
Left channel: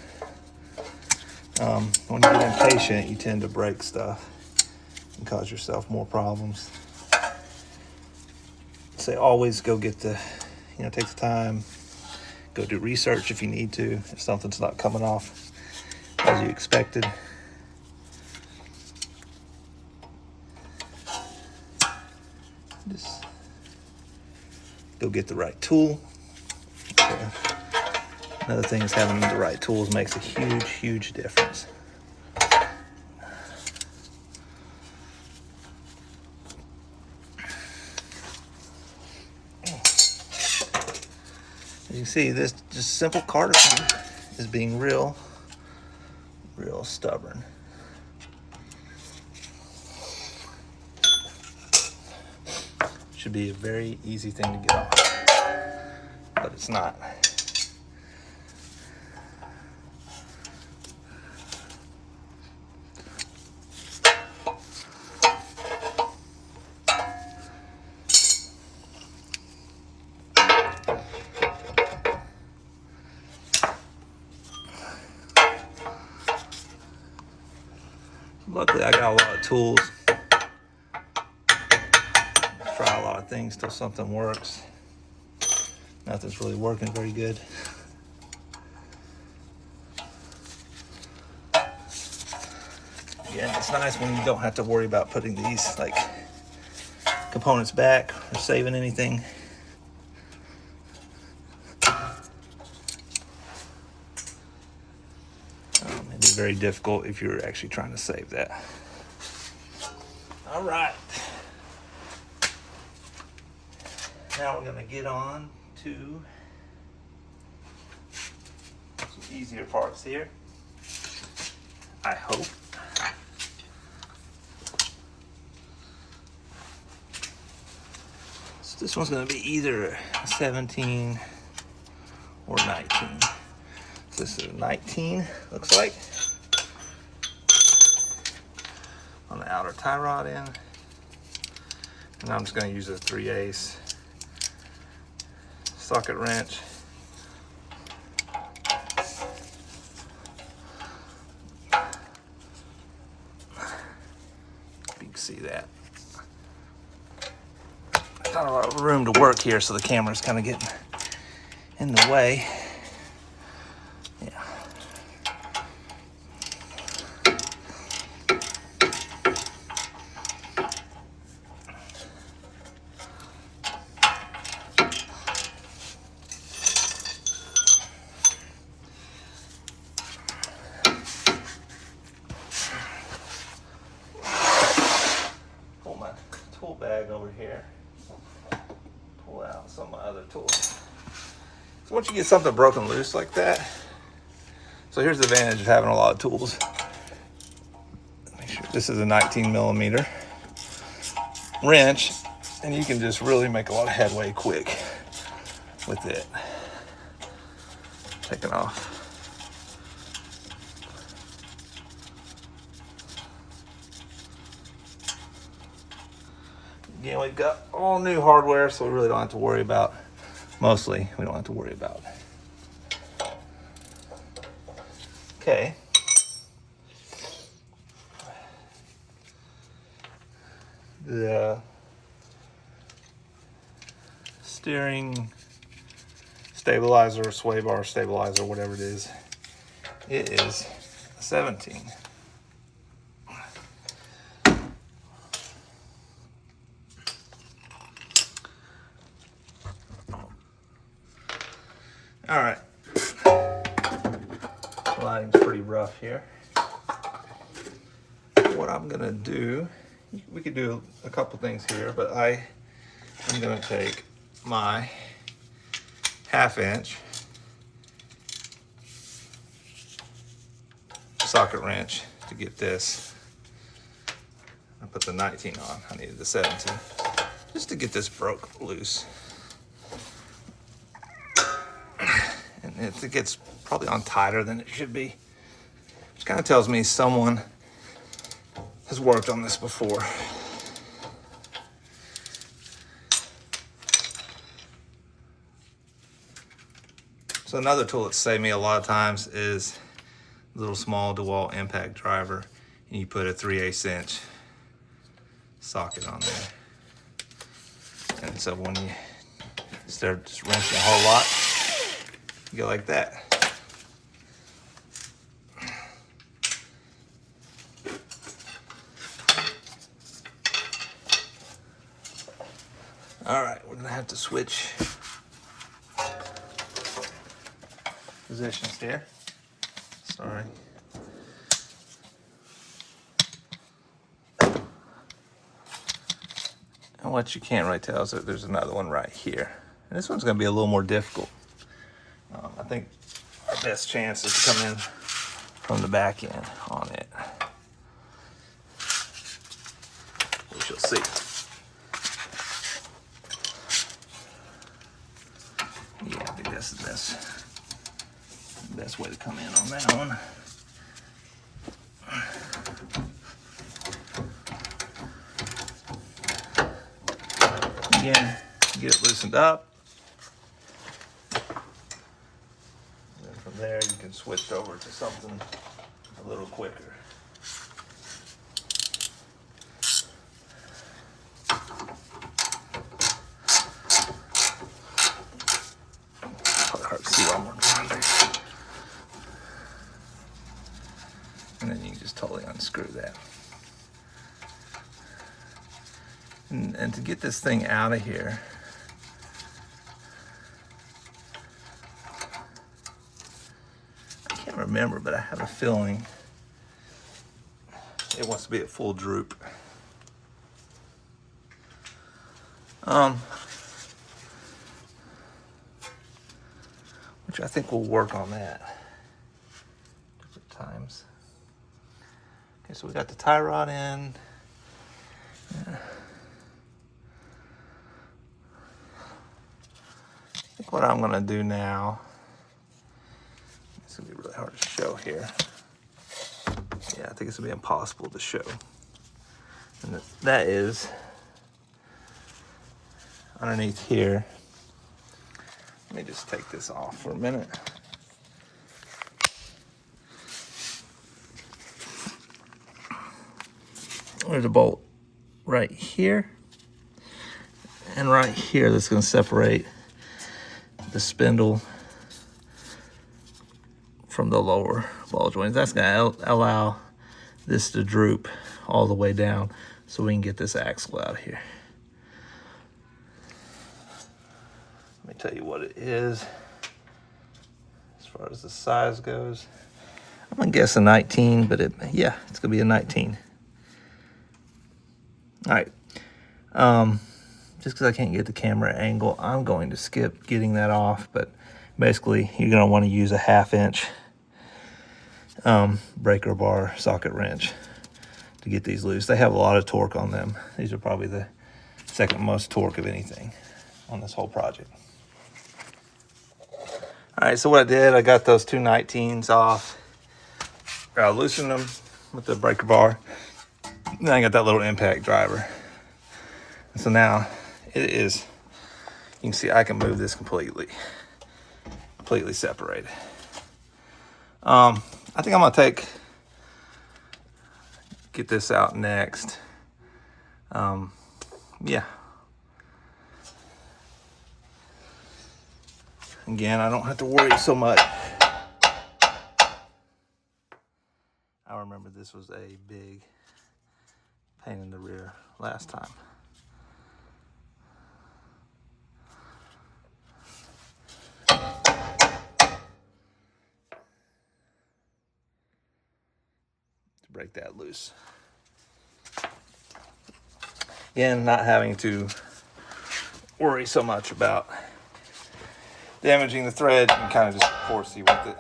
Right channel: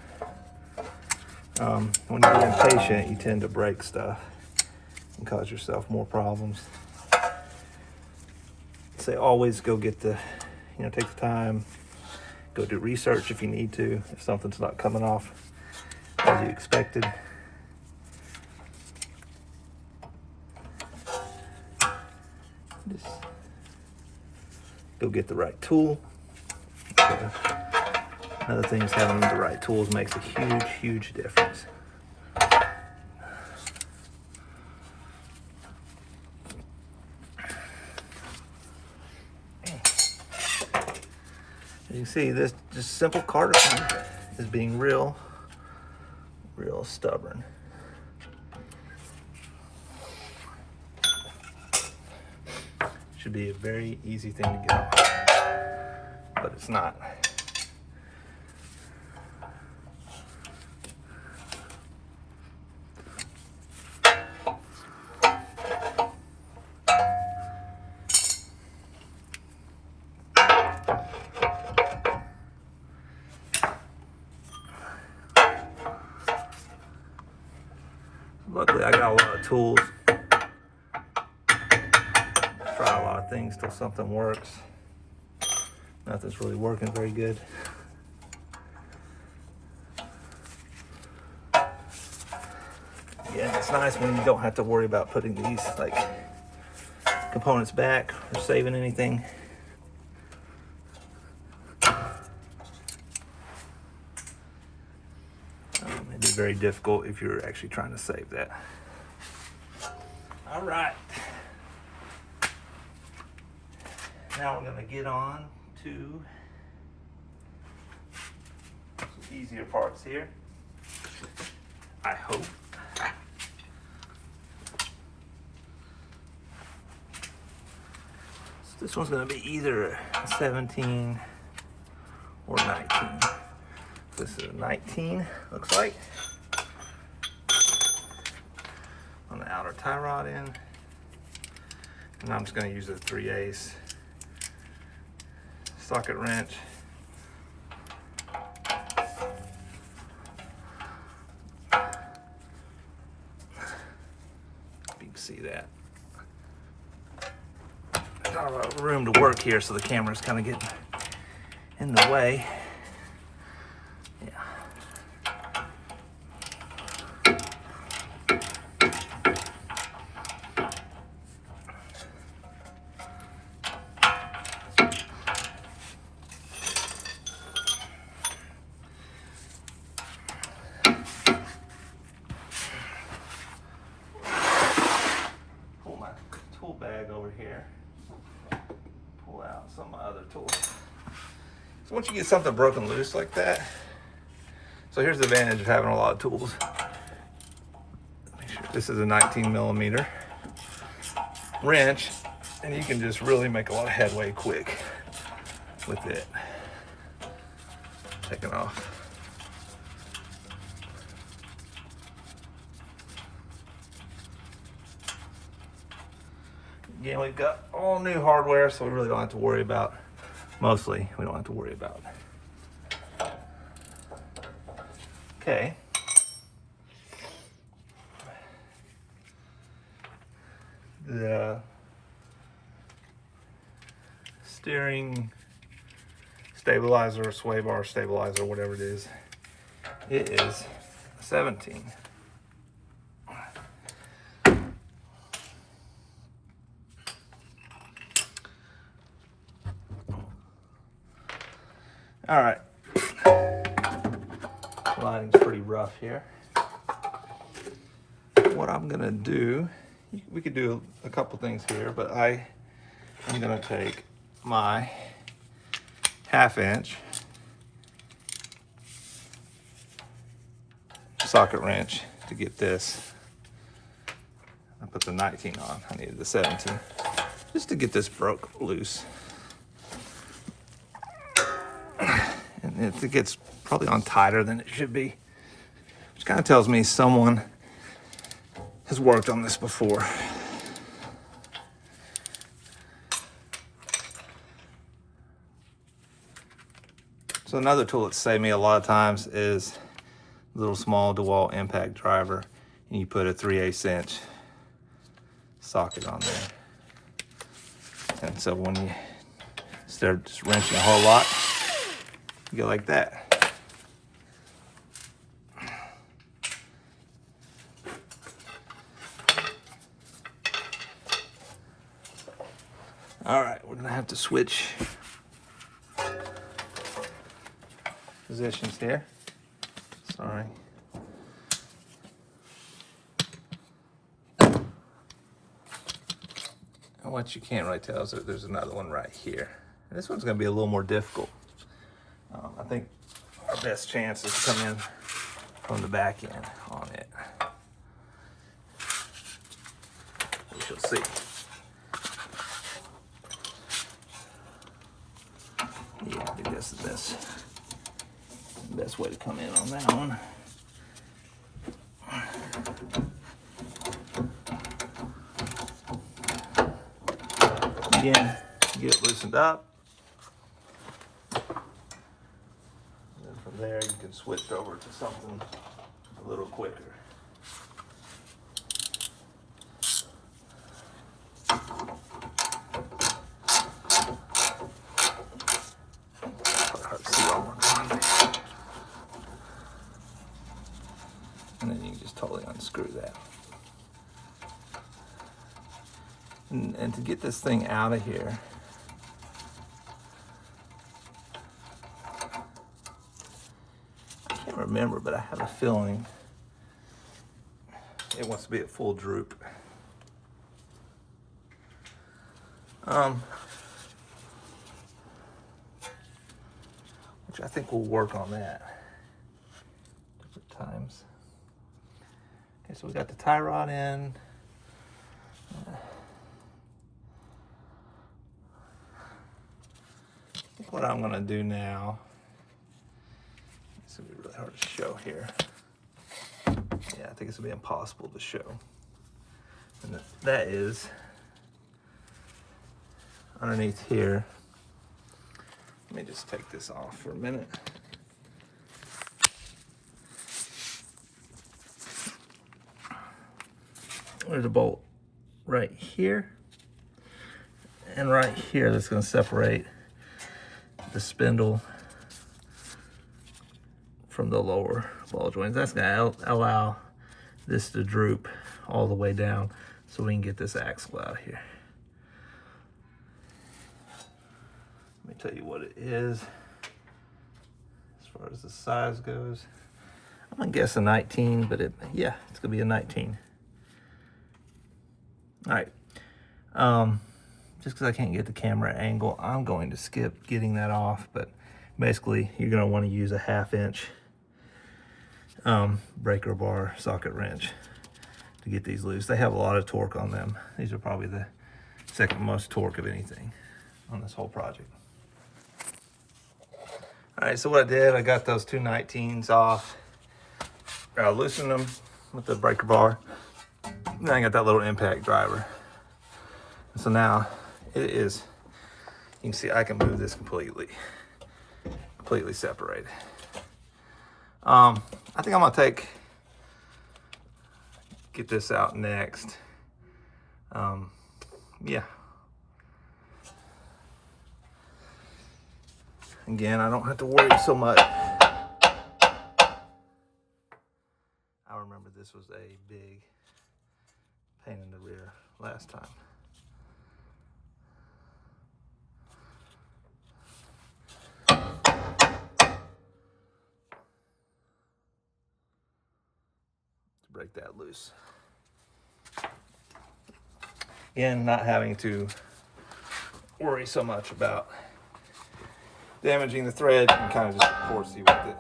When you get impatient, you tend to break stuff and cause yourself more problems. So always go get the, take the time, go do research if you need to, if something's not coming off as you expected. Just go get the right tool. Another thing is having the right tools makes a huge, huge difference. As you can see, this just simple Carterton is being real stubborn. Should be a very easy thing to get off, but it's not. Luckily, I got a lot of tools. Try a lot of things till something works. Nothing's really working very good. Again, it's nice when you don't have to worry about putting these components back or saving anything. It'd be very difficult if you're actually trying to save that. All right. Now we're going to get on to some easier parts here, I hope. So this one's going to be either a 17 or 19. So this is a 19, looks like, on the outer tie rod end. And I'm just going to use a 3/8 socket wrench. You can see that. Got a lot of room to work here, so the camera's kind of getting in the way. Yeah. Bag over here. Pull out some of my other tools. So once you get something broken loose like that, So here's the advantage of having a lot of tools. Make sure this is a 19mm wrench, and you can just really make a lot of headway quick with it. Take it off. Again, we've got all new hardware, so we really don't have to worry about, mostly, we don't have to worry about. Okay. The steering stabilizer, sway bar stabilizer, whatever it is a 17. All right, line's pretty rough here. What I'm gonna do, we could do a couple things here, but I'm gonna take my 1/2 inch socket wrench to get this. I put the 19 on, I needed the 17, just to get this broke loose. And it gets probably on tighter than it should be, which kind of tells me someone has worked on this before. So another tool that's saved me a lot of times is a little small DeWalt impact driver, and you put a 3/8 inch socket on there. And so when you, instead of just wrenching a whole lot, you go like that. All right, we're gonna have to switch positions here. Sorry. And what you can't really tell is that there's another one right here. And this one's gonna be a little more difficult. I think our best chance is to come in from the back end on it. We shall see. Yeah, I think this is the best way to come in on that one. Again, get it loosened up. There you can switch over to something a little quicker. Hard to see while we're doing it. And then you can just totally unscrew that. And to get this thing out of here, remember, but I have a feeling it wants to be at full droop. Which I think will work on that. Different times. Okay, so we got the tie rod in. I think what I'm gonna do now, it's gonna be really hard to show here. Yeah, I think it's gonna be impossible to show. And that is underneath here. Let me just take this off for a minute. There's a bolt right here and right here that's going to separate the spindle from the lower ball joints. That's going to allow this to droop all the way down so we can get this axle out of here. Let me tell you what it is as far as the size goes. I'm gonna guess a 19, but yeah, it's gonna be a 19. All right, just because I can't get the camera angle, I'm going to skip getting that off, but basically you're gonna want to use a 1/2 inch breaker bar socket wrench to get these loose. They have a lot of torque on them. These are probably the second most torque of anything on this whole project. All right, so what I did, I got those two 19s off. I loosened them with the breaker bar. Then I got that little impact driver. And so now it is, you can see I can move this completely separated. I think I'm gonna get this out next. Yeah. Again, I don't have to worry so much. I remember this was a big pain in the rear last time. To break that loose. Again, not having to worry so much about damaging the thread and kind of just forcey with it.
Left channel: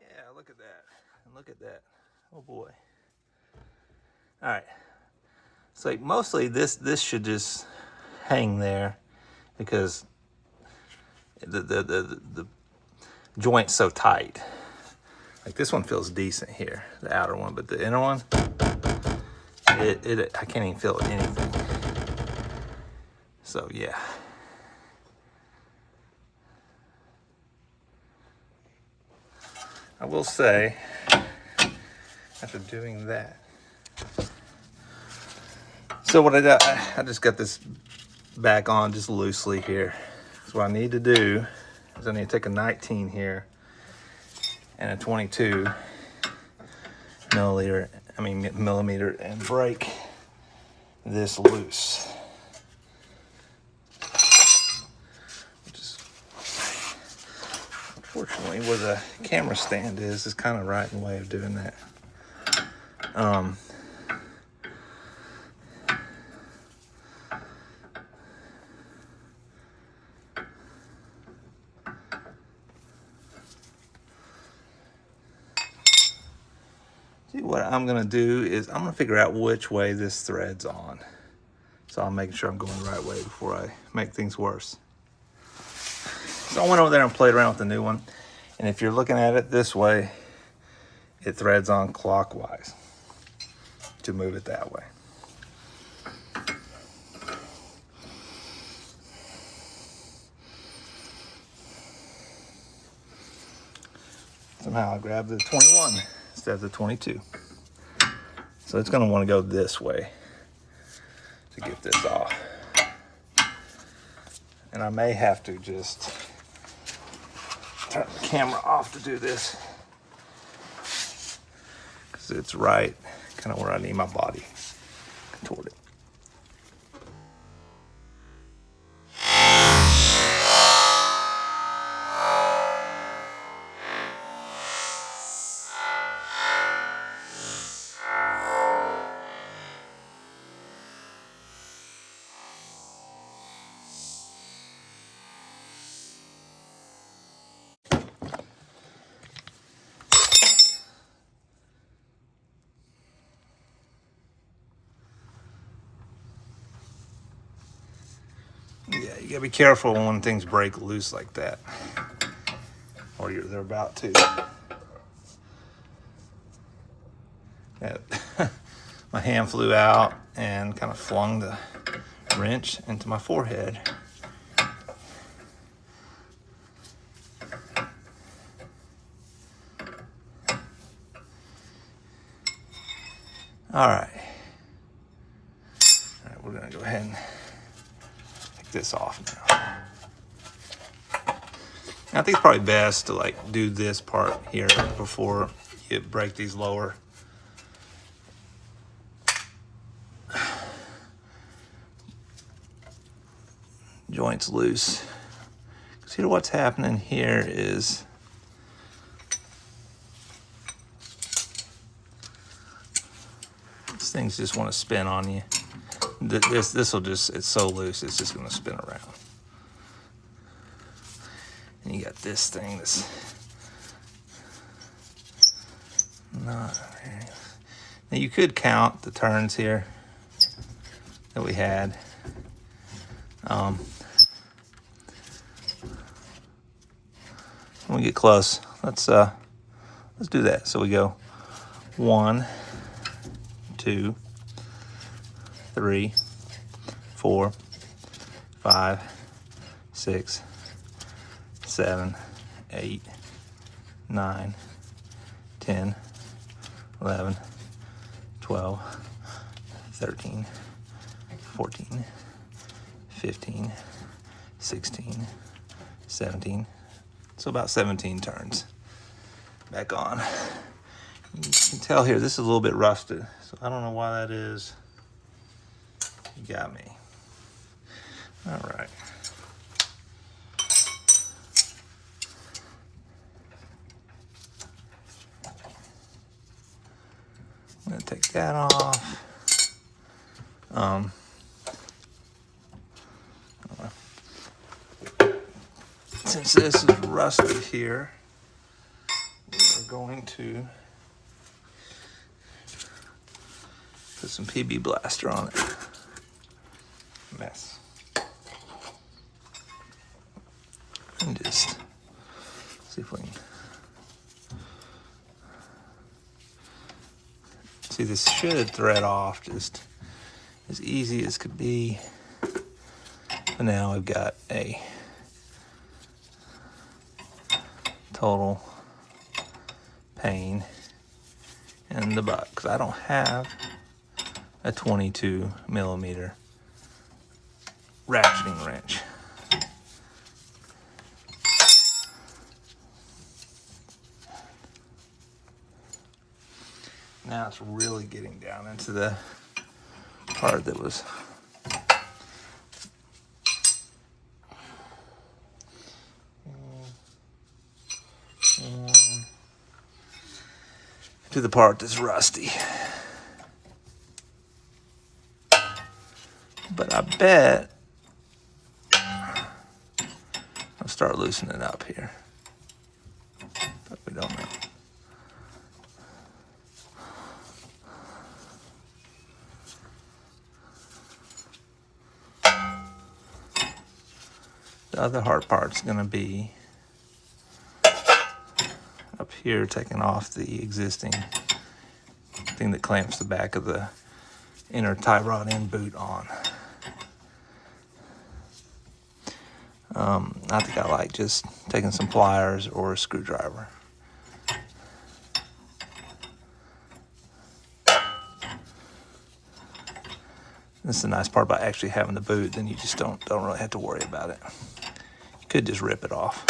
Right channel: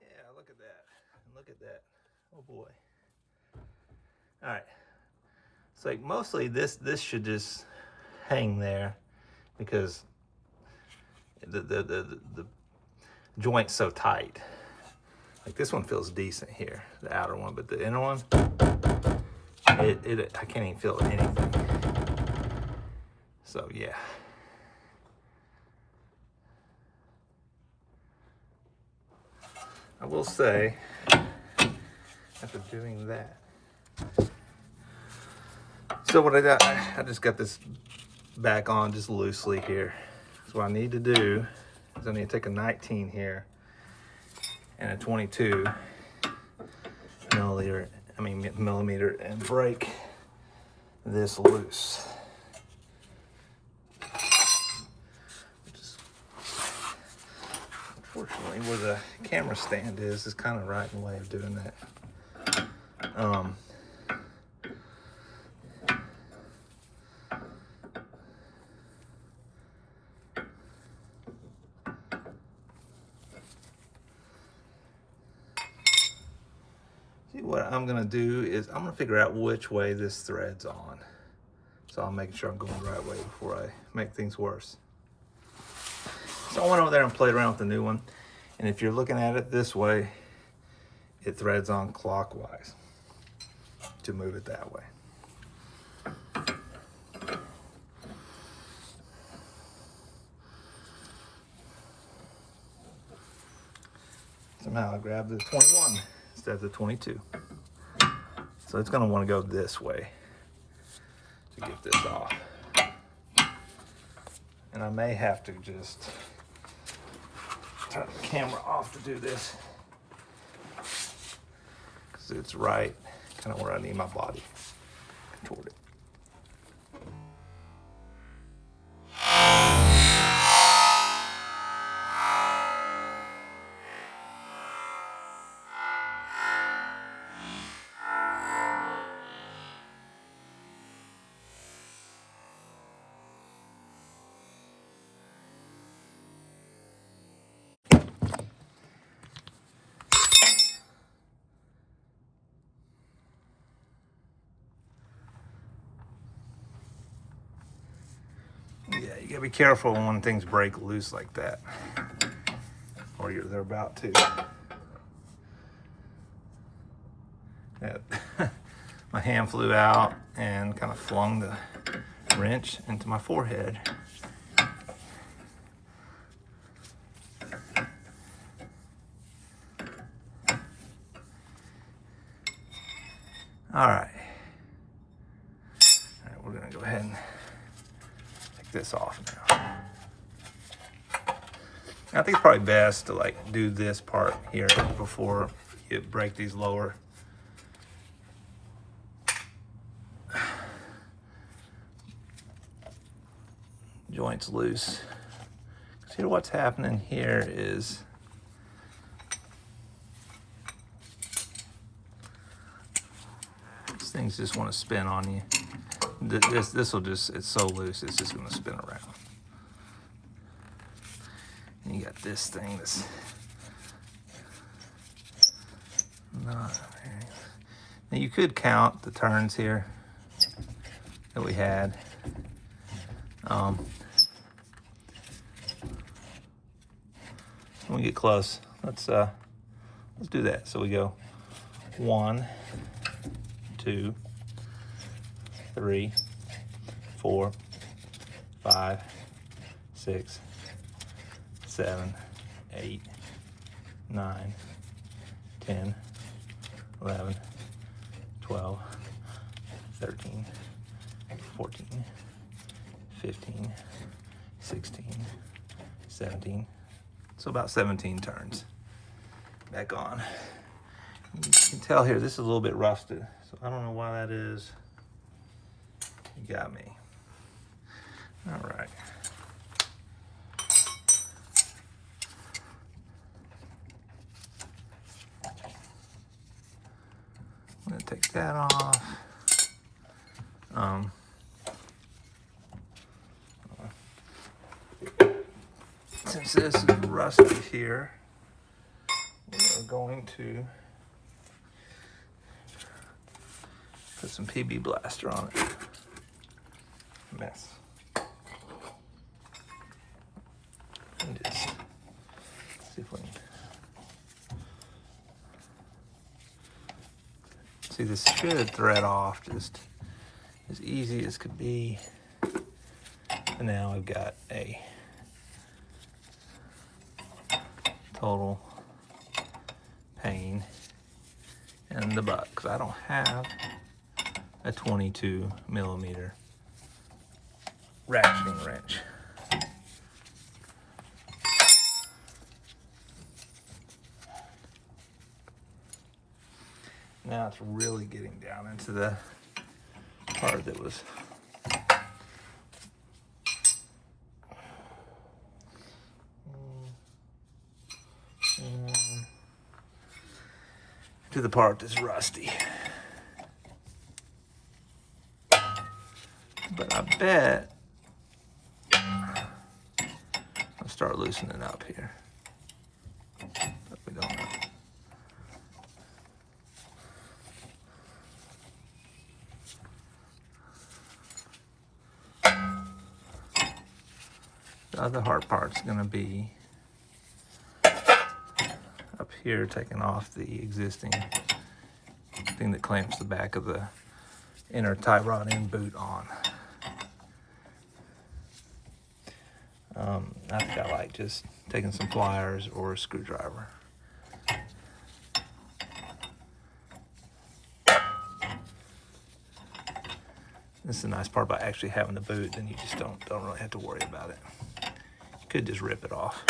Yeah, look at that. Look at that. Oh boy. All right. So mostly this should just hang there because the joint's so tight. Like this one feels decent here, the outer one, but the inner one, I can't even feel anything. So yeah. I will say, after doing that, so what I did, I just got this back on just loosely here. So what I need to do is I need to take a 19 here and a 22 millimeter and break this loose. Unfortunately, where the camera stand is kind of right in the way of doing that. See, what I'm gonna do is I'm gonna figure out which way this thread's on. So I'm making sure I'm going the right way before I make things worse. So I went over there and played around with the new one. And if you're looking at it this way, it threads on clockwise to move it that way. Somehow I grabbed the 21 instead of the 22. So it's gonna wanna go this way to get this off. And I may have to just turn the camera off to do this because it's right kind of where I need my body contorted. Yeah, you gotta be careful when things break loose like that, or they're about to. My hand flew out and kind of flung the wrench into my forehead. All right, we're gonna go ahead and take this off now. I think it's probably best to like do this part here before you break these lower joints loose. See, what's happening here is these things just want to spin on you. This will just, it's so loose, it's just going to spin around. And you got this thing that's not very... Now you could count the turns here that we had. When we get close, let's do that. So we go 1, 2, 3, 4, 5, 6, 7, 8, 9, 10, 11, 12, 13, 14, 15, 16, 17. So about 17 turns. Back on. You can tell here, this is a little bit rusted, so I don't know why that is. You got me. All right. I'm gonna take that off. Since this is rusty here, we're going to put some PB Blaster on it. Mess. And just see if we can... See, this should thread off just as easy as could be. But now we've got a total pain in the butt because I don't have a 22 millimeter ratcheting wrench. Now it's really getting down into the part that was to the part that's rusty. But I bet I'll start loosening up here. But we don't know. The other hard part's gonna be up here, taking off the existing thing that clamps the back of the inner tie rod end boot on. I think I like just taking some pliers or a screwdriver. This is the nice part about actually having the boot, then you just don't really have to worry about it. You could just rip it off.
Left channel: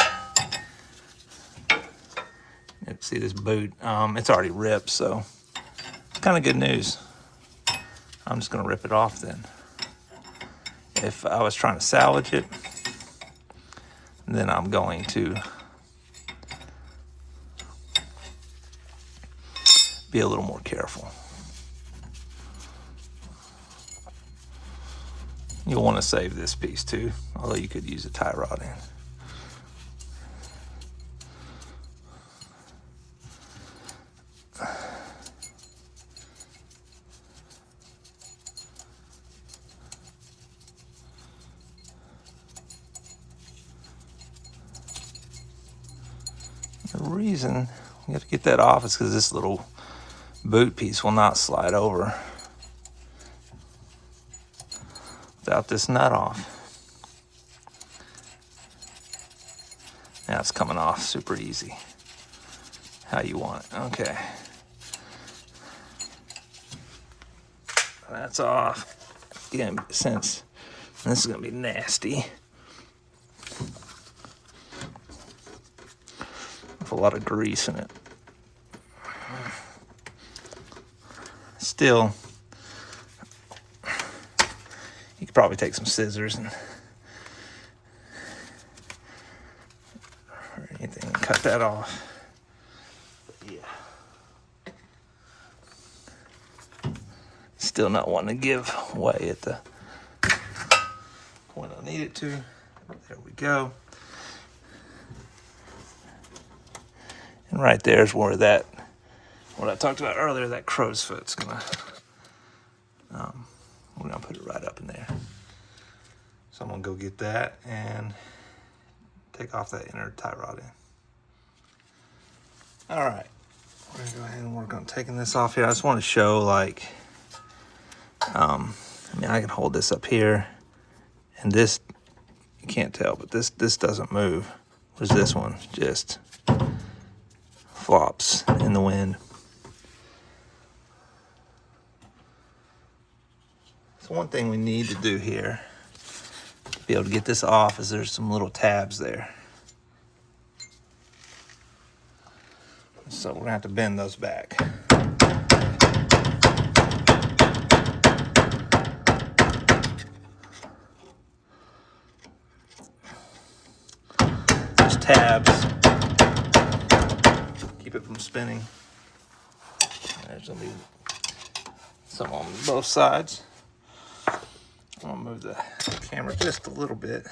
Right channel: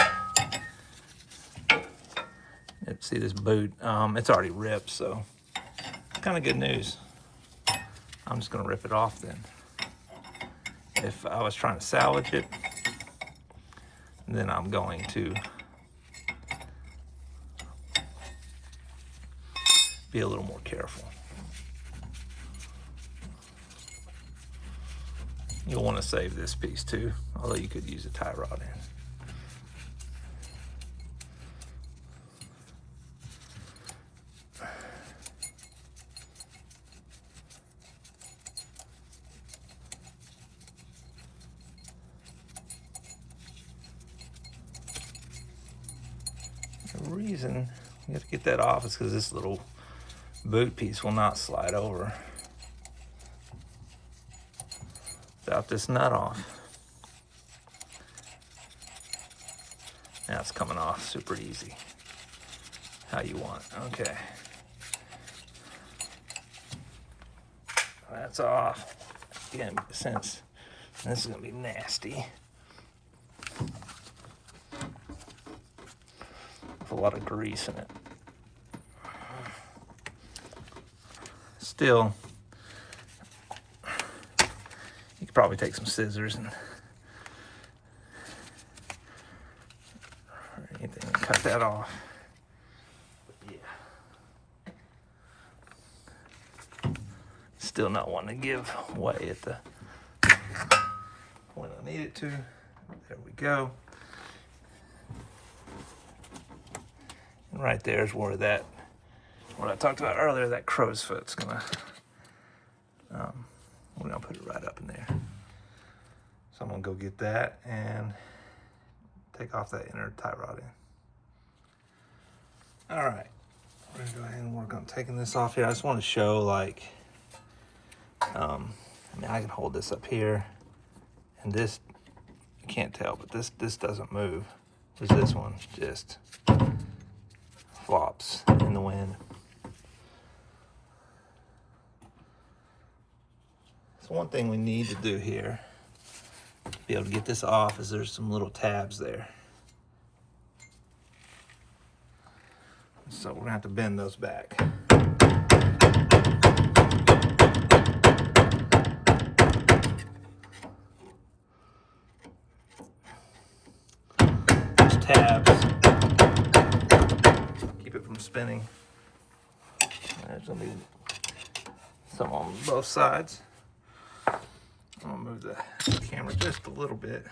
See this boot, it's already ripped, so it's kind of good news. I'm just gonna rip it off then. If I was trying to salvage it, then I'm going to be a little more careful. You'll want to save this piece too, although you could use a tie rod in. The reason you have to get that off is because this little boot piece will not slide over without this nut off. Now it's coming off super easy. How you want it. Okay. That's off. Again, since this is gonna be nasty. With a lot of grease in it. Still, you could probably take some scissors and cut that off. But yeah. Still not wanting to give way at the point I need it to. There we go. And right there's where that, what I talked about earlier, that crow's foot's gonna, we're gonna put it right up in there. So I'm gonna go get that and take off that inner tie rod in. All right, we're gonna go ahead and work on taking this off here. I just want to show, like, I mean, I can hold this up here, and this, you can't tell, but this doesn't move. Whereas this one just flops in the wind. So one thing we need to do here to be able to get this off is there's some little tabs there. So we're gonna have to bend those back. There's tabs. Keep it from spinning. There's gonna be some on both sides. I'm gonna move the camera just a little bit.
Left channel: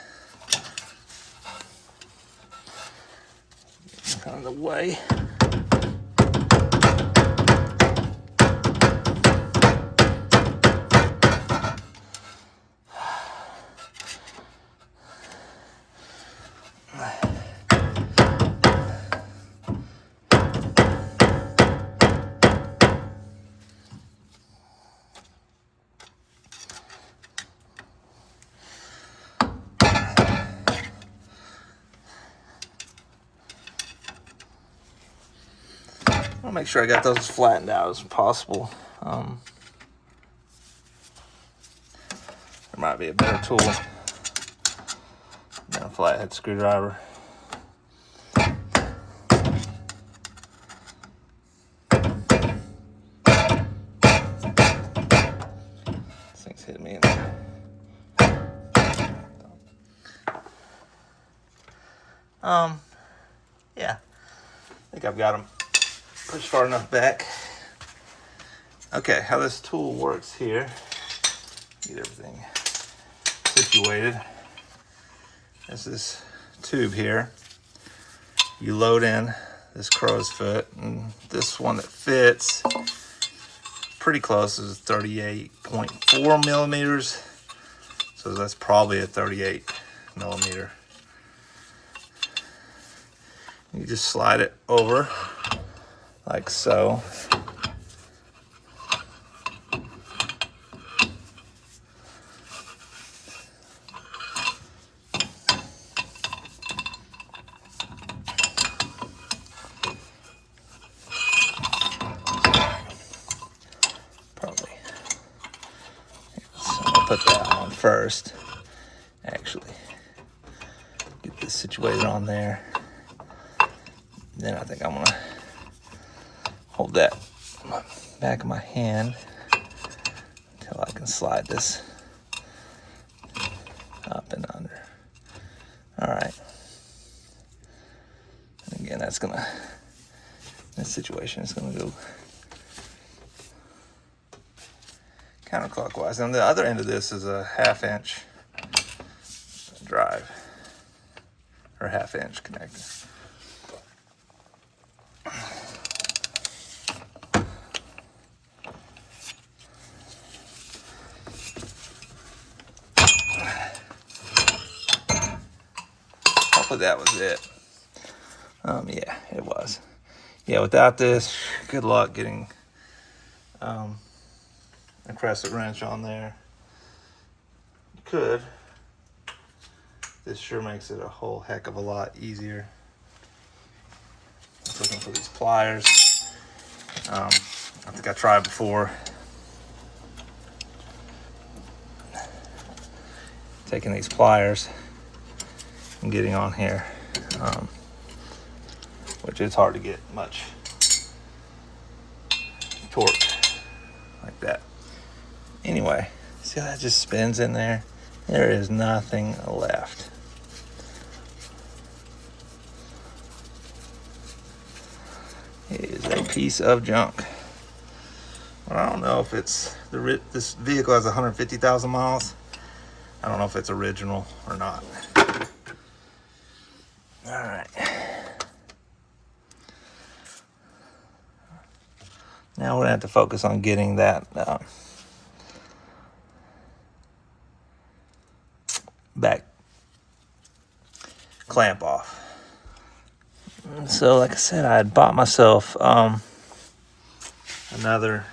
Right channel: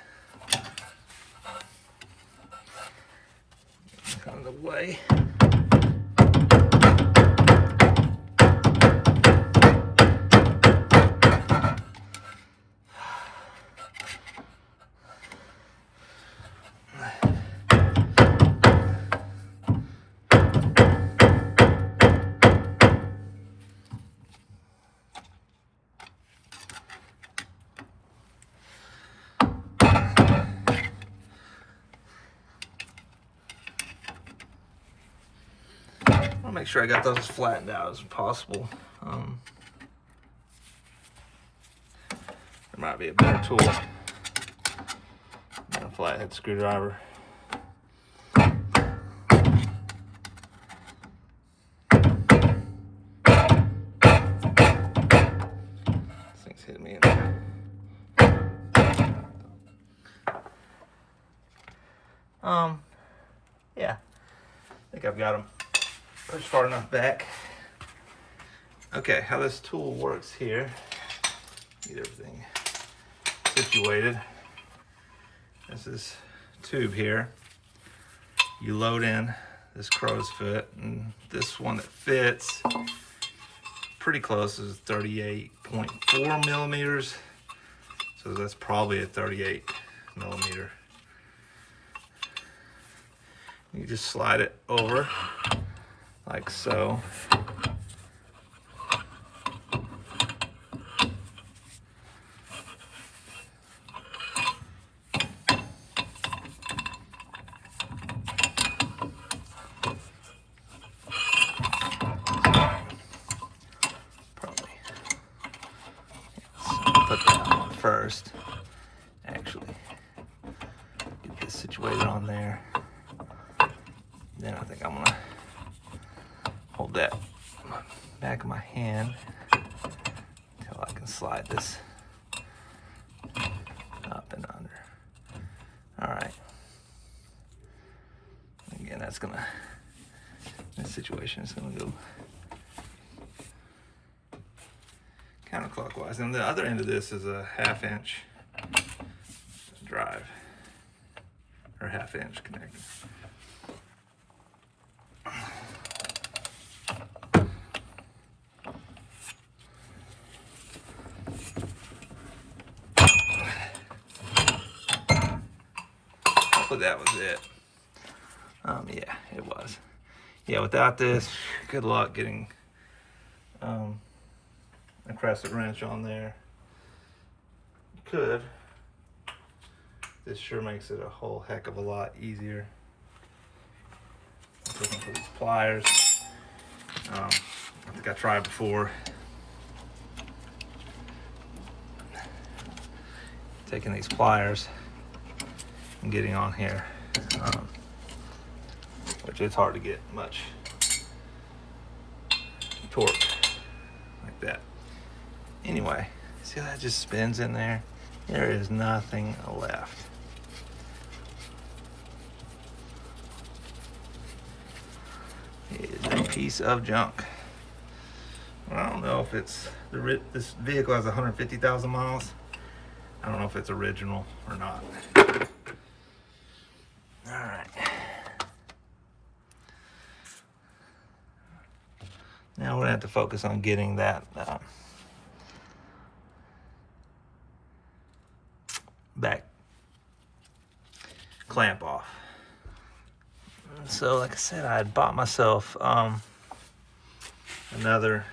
Out of the way. I'll make sure I got those as flattened out as possible. There might be a better tool than a flathead screwdriver. This thing's hitting me. Yeah, I think I've got them pushed far enough back. Okay, how this tool works here, get everything situated. There's this tube here. You load in this crow's foot, and this one that fits pretty close is 38.4 millimeters. So that's probably a 38 millimeter. You just slide it over like so. Probably. So I'll put that on first. Actually, get this situated on there. Then I think I'm gonna hold that in the back of my hand until I can slide this up and under. All right. And again, that's gonna, this situation is gonna go counterclockwise. And the other end of this is a 1/2 inch drive, or 1/2 inch connector. Hopefully that was it. Yeah, it was. Yeah, without this, good luck getting a crescent wrench on there. You could. This sure makes it a whole heck of a lot easier. Just looking for these pliers. I think I tried before. Taking these pliers and getting on here, which is hard to get much torque like that. Anyway, see how that just spins in there? There is nothing left. It is a piece of junk. Well, I don't know if it's this vehicle has 150,000 miles. I don't know if it's original or not. All right. Now we're gonna have to focus on getting that back clamp off. So like I said, I had bought myself another,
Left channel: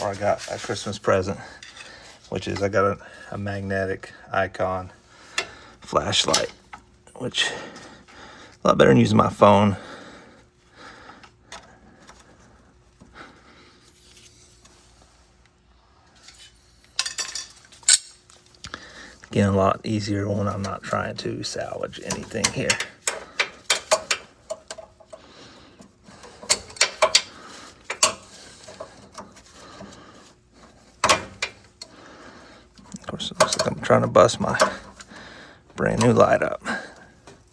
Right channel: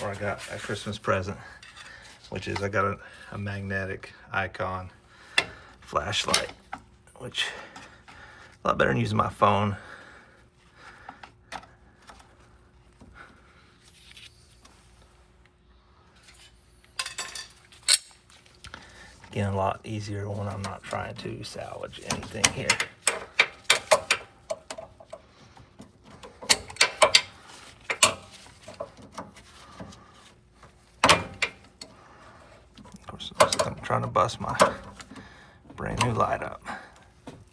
or I got a Christmas present, which is I got a magnetic icon flashlight, which a lot better than using my phone. Again, a lot easier when I'm not trying to salvage anything here. Of course, it looks like I'm trying to bust my brand new light up.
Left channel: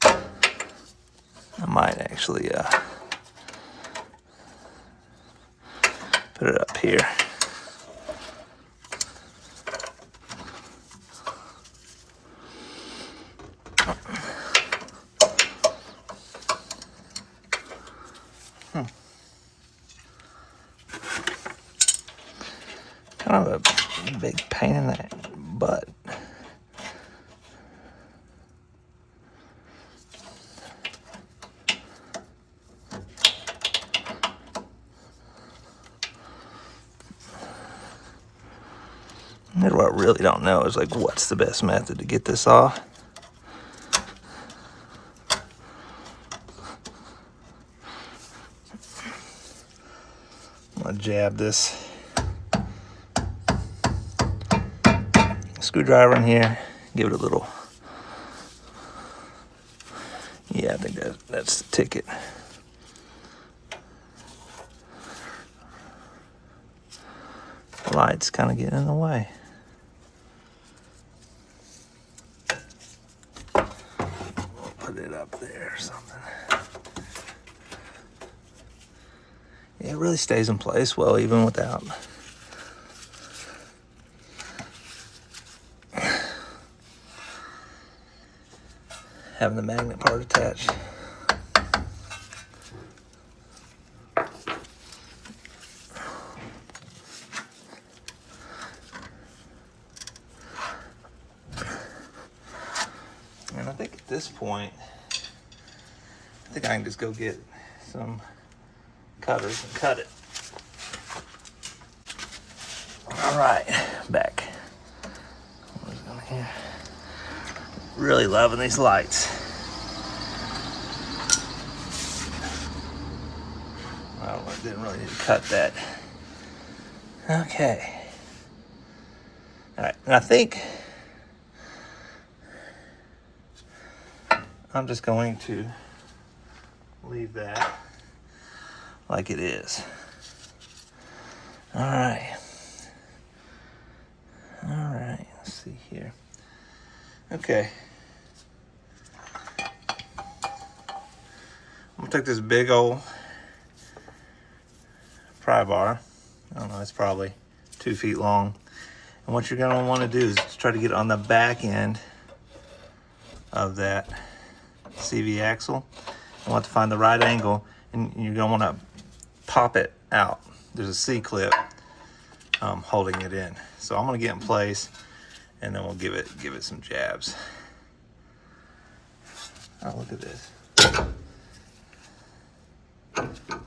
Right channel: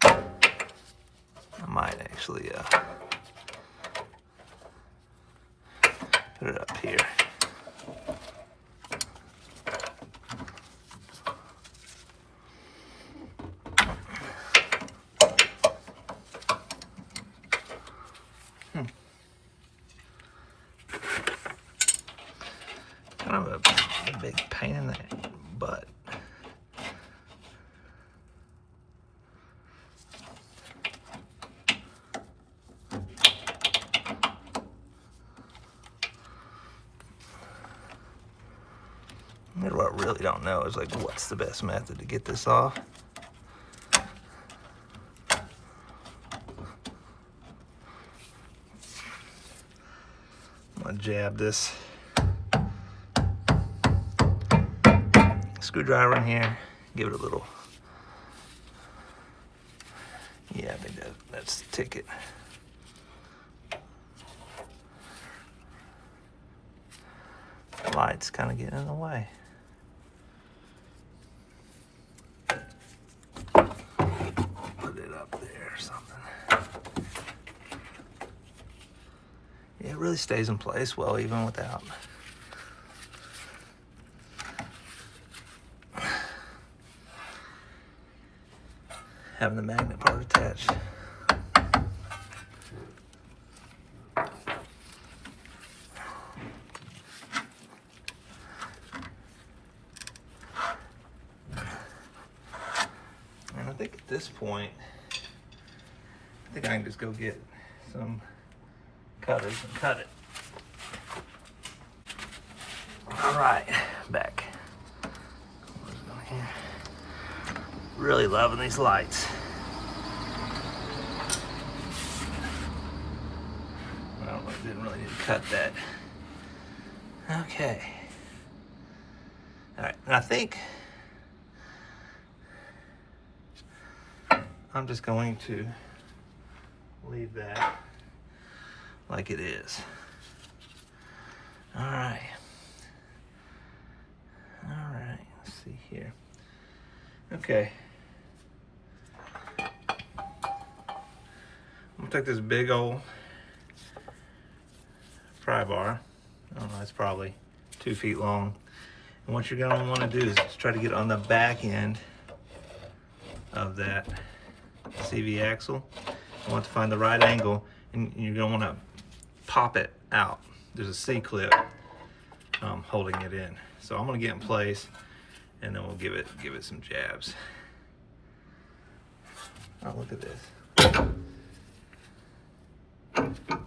I might actually put it up here. Kind of a big pain in the butt. Here's what I really don't know is like what's the best method to get this off. I'm gonna jab this screwdriver in here, give it a little, yeah, I think that's the ticket. The light's kind of getting in the way. Put it up there or something. Yeah, it really stays in place well even without having the magnet part attached. And I think at this point, I think I can just go get some cutters and cut it. All right, back. Really loving these lights. Well, I didn't really need to cut that. Okay. All right, and I think I'm just going to leave that like it is. All right. All right, let's see here. Okay. I'm gonna take this big old pry bar. I don't know, it's probably 2 feet long. And what you're gonna wanna do is try to get on the back end of that CV axle. You want to find the right angle, and you're gonna wanna pop it out. There's a C-clip holding it in. So I'm gonna get in place, and then we'll give it some jabs. Oh, look at this.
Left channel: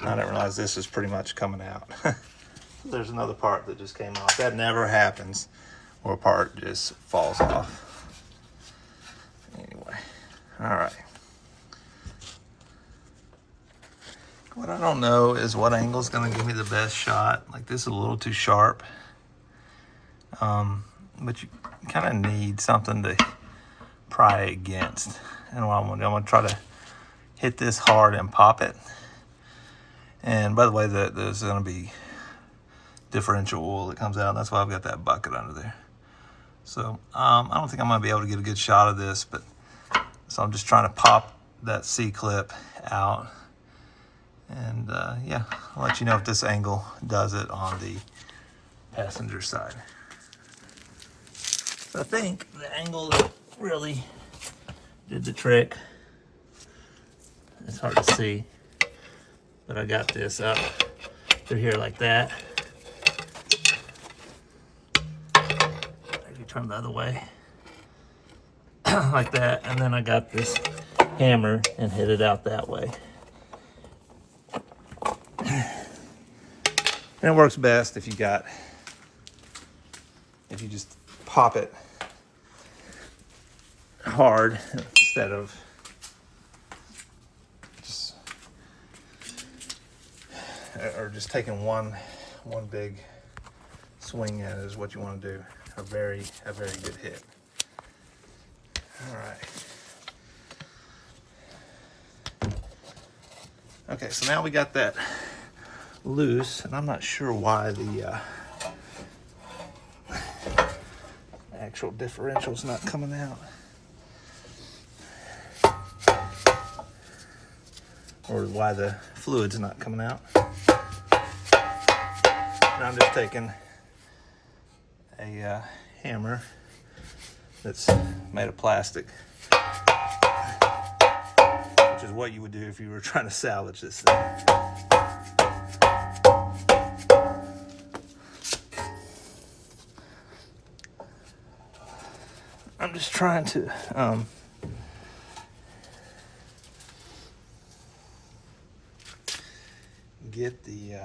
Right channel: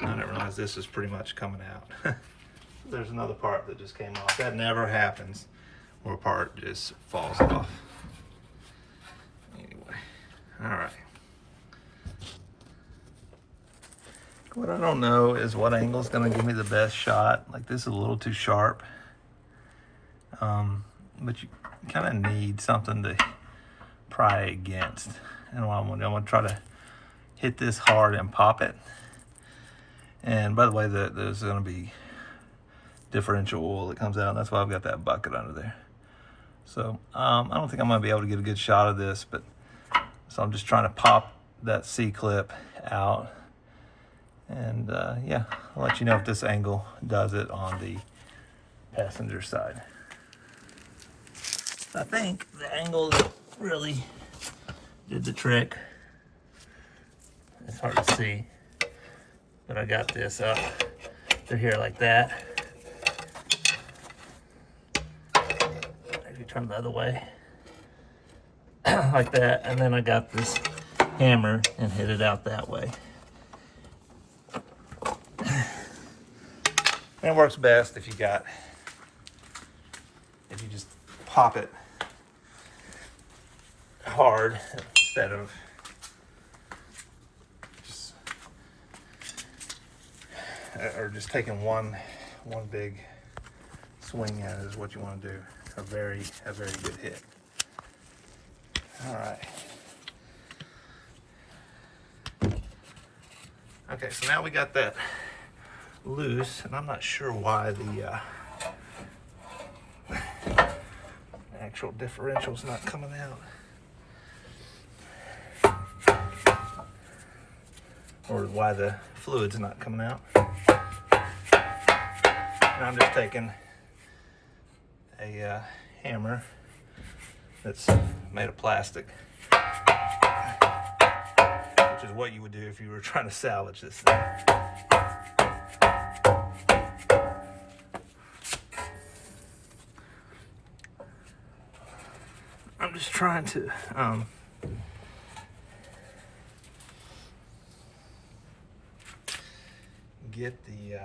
I didn't realize this is pretty much coming out. There's another part that just came off. That never happens, where a part just falls off. Anyway, all right. What I don't know is what angle is gonna give me the best shot. Like this is a little too sharp. But you kind of need something to pry against. And I'm gonna try to hit this hard and pop it. And by the way, there's gonna be differential oil that comes out. That's why I've got that bucket under there. So I don't think I'm gonna be able to get a good shot of this, but so I'm just trying to pop that C-clip out. And yeah, I'll let you know if this angle does it on the passenger side. I think the angle that really did the trick, it's hard to see, but I got this up to here like that. If you turn the other way, like that, and then I got this hammer and hit it out that way. And it works best if you just pop it hard instead of just taking one big swing at it is what you want to do. A very good hit. All right. Okay, so now we got that loose, and I'm not sure why the actual differential's not coming out. Or why the fluid's not coming out. And I'm just taking a hammer that's made of plastic, which is what you would do if you were trying to salvage this thing. I'm just trying to get the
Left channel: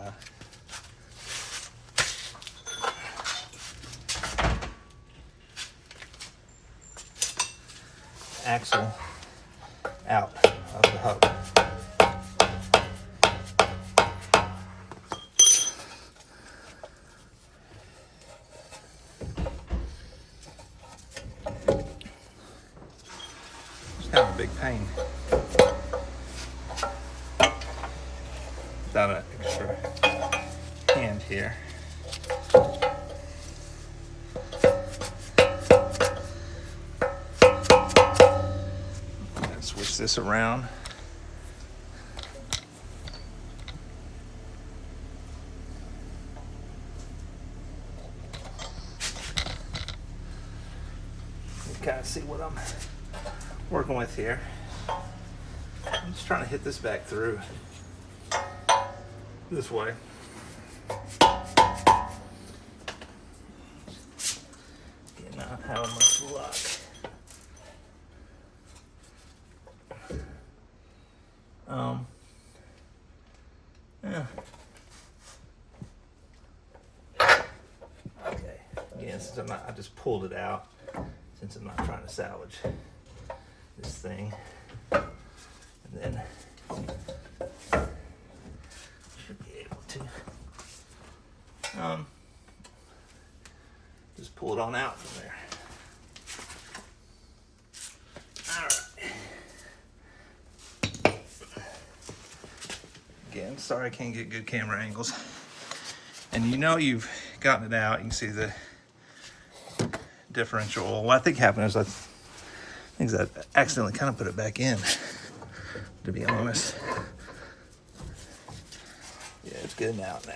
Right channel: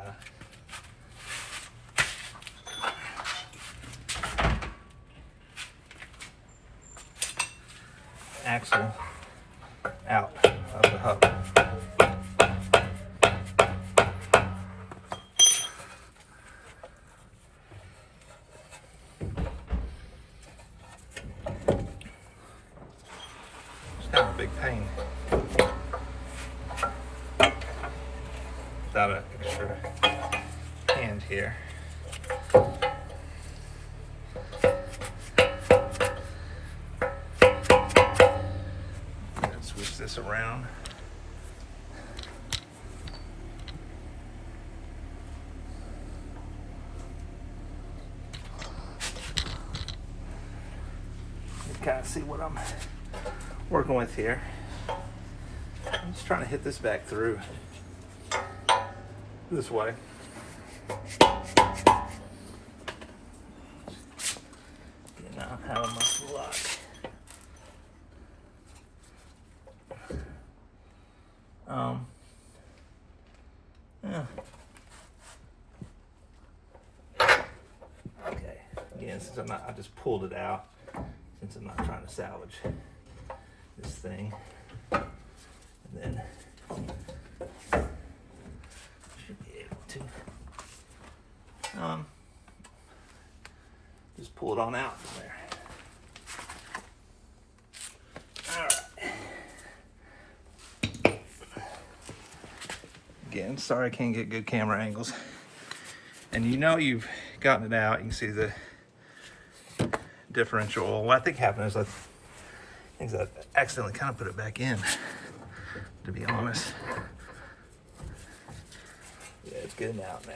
axle out of the hub. It's kind of a big pain without an extra hand here. Switch this around. You kind of see what I'm working with here. I'm just trying to hit this back through this way. Not having much luck. Yeah. Okay. Again, since I just pulled it out, since I'm not trying to salvage this thing, and then should be able to just pull it on out from there. All right. Again, sorry I can't get good camera angles. And you know you've gotten it out. You can see the differential. What I think happened is I accidentally kind of put it back in, to be honest. Yeah, it's getting out now.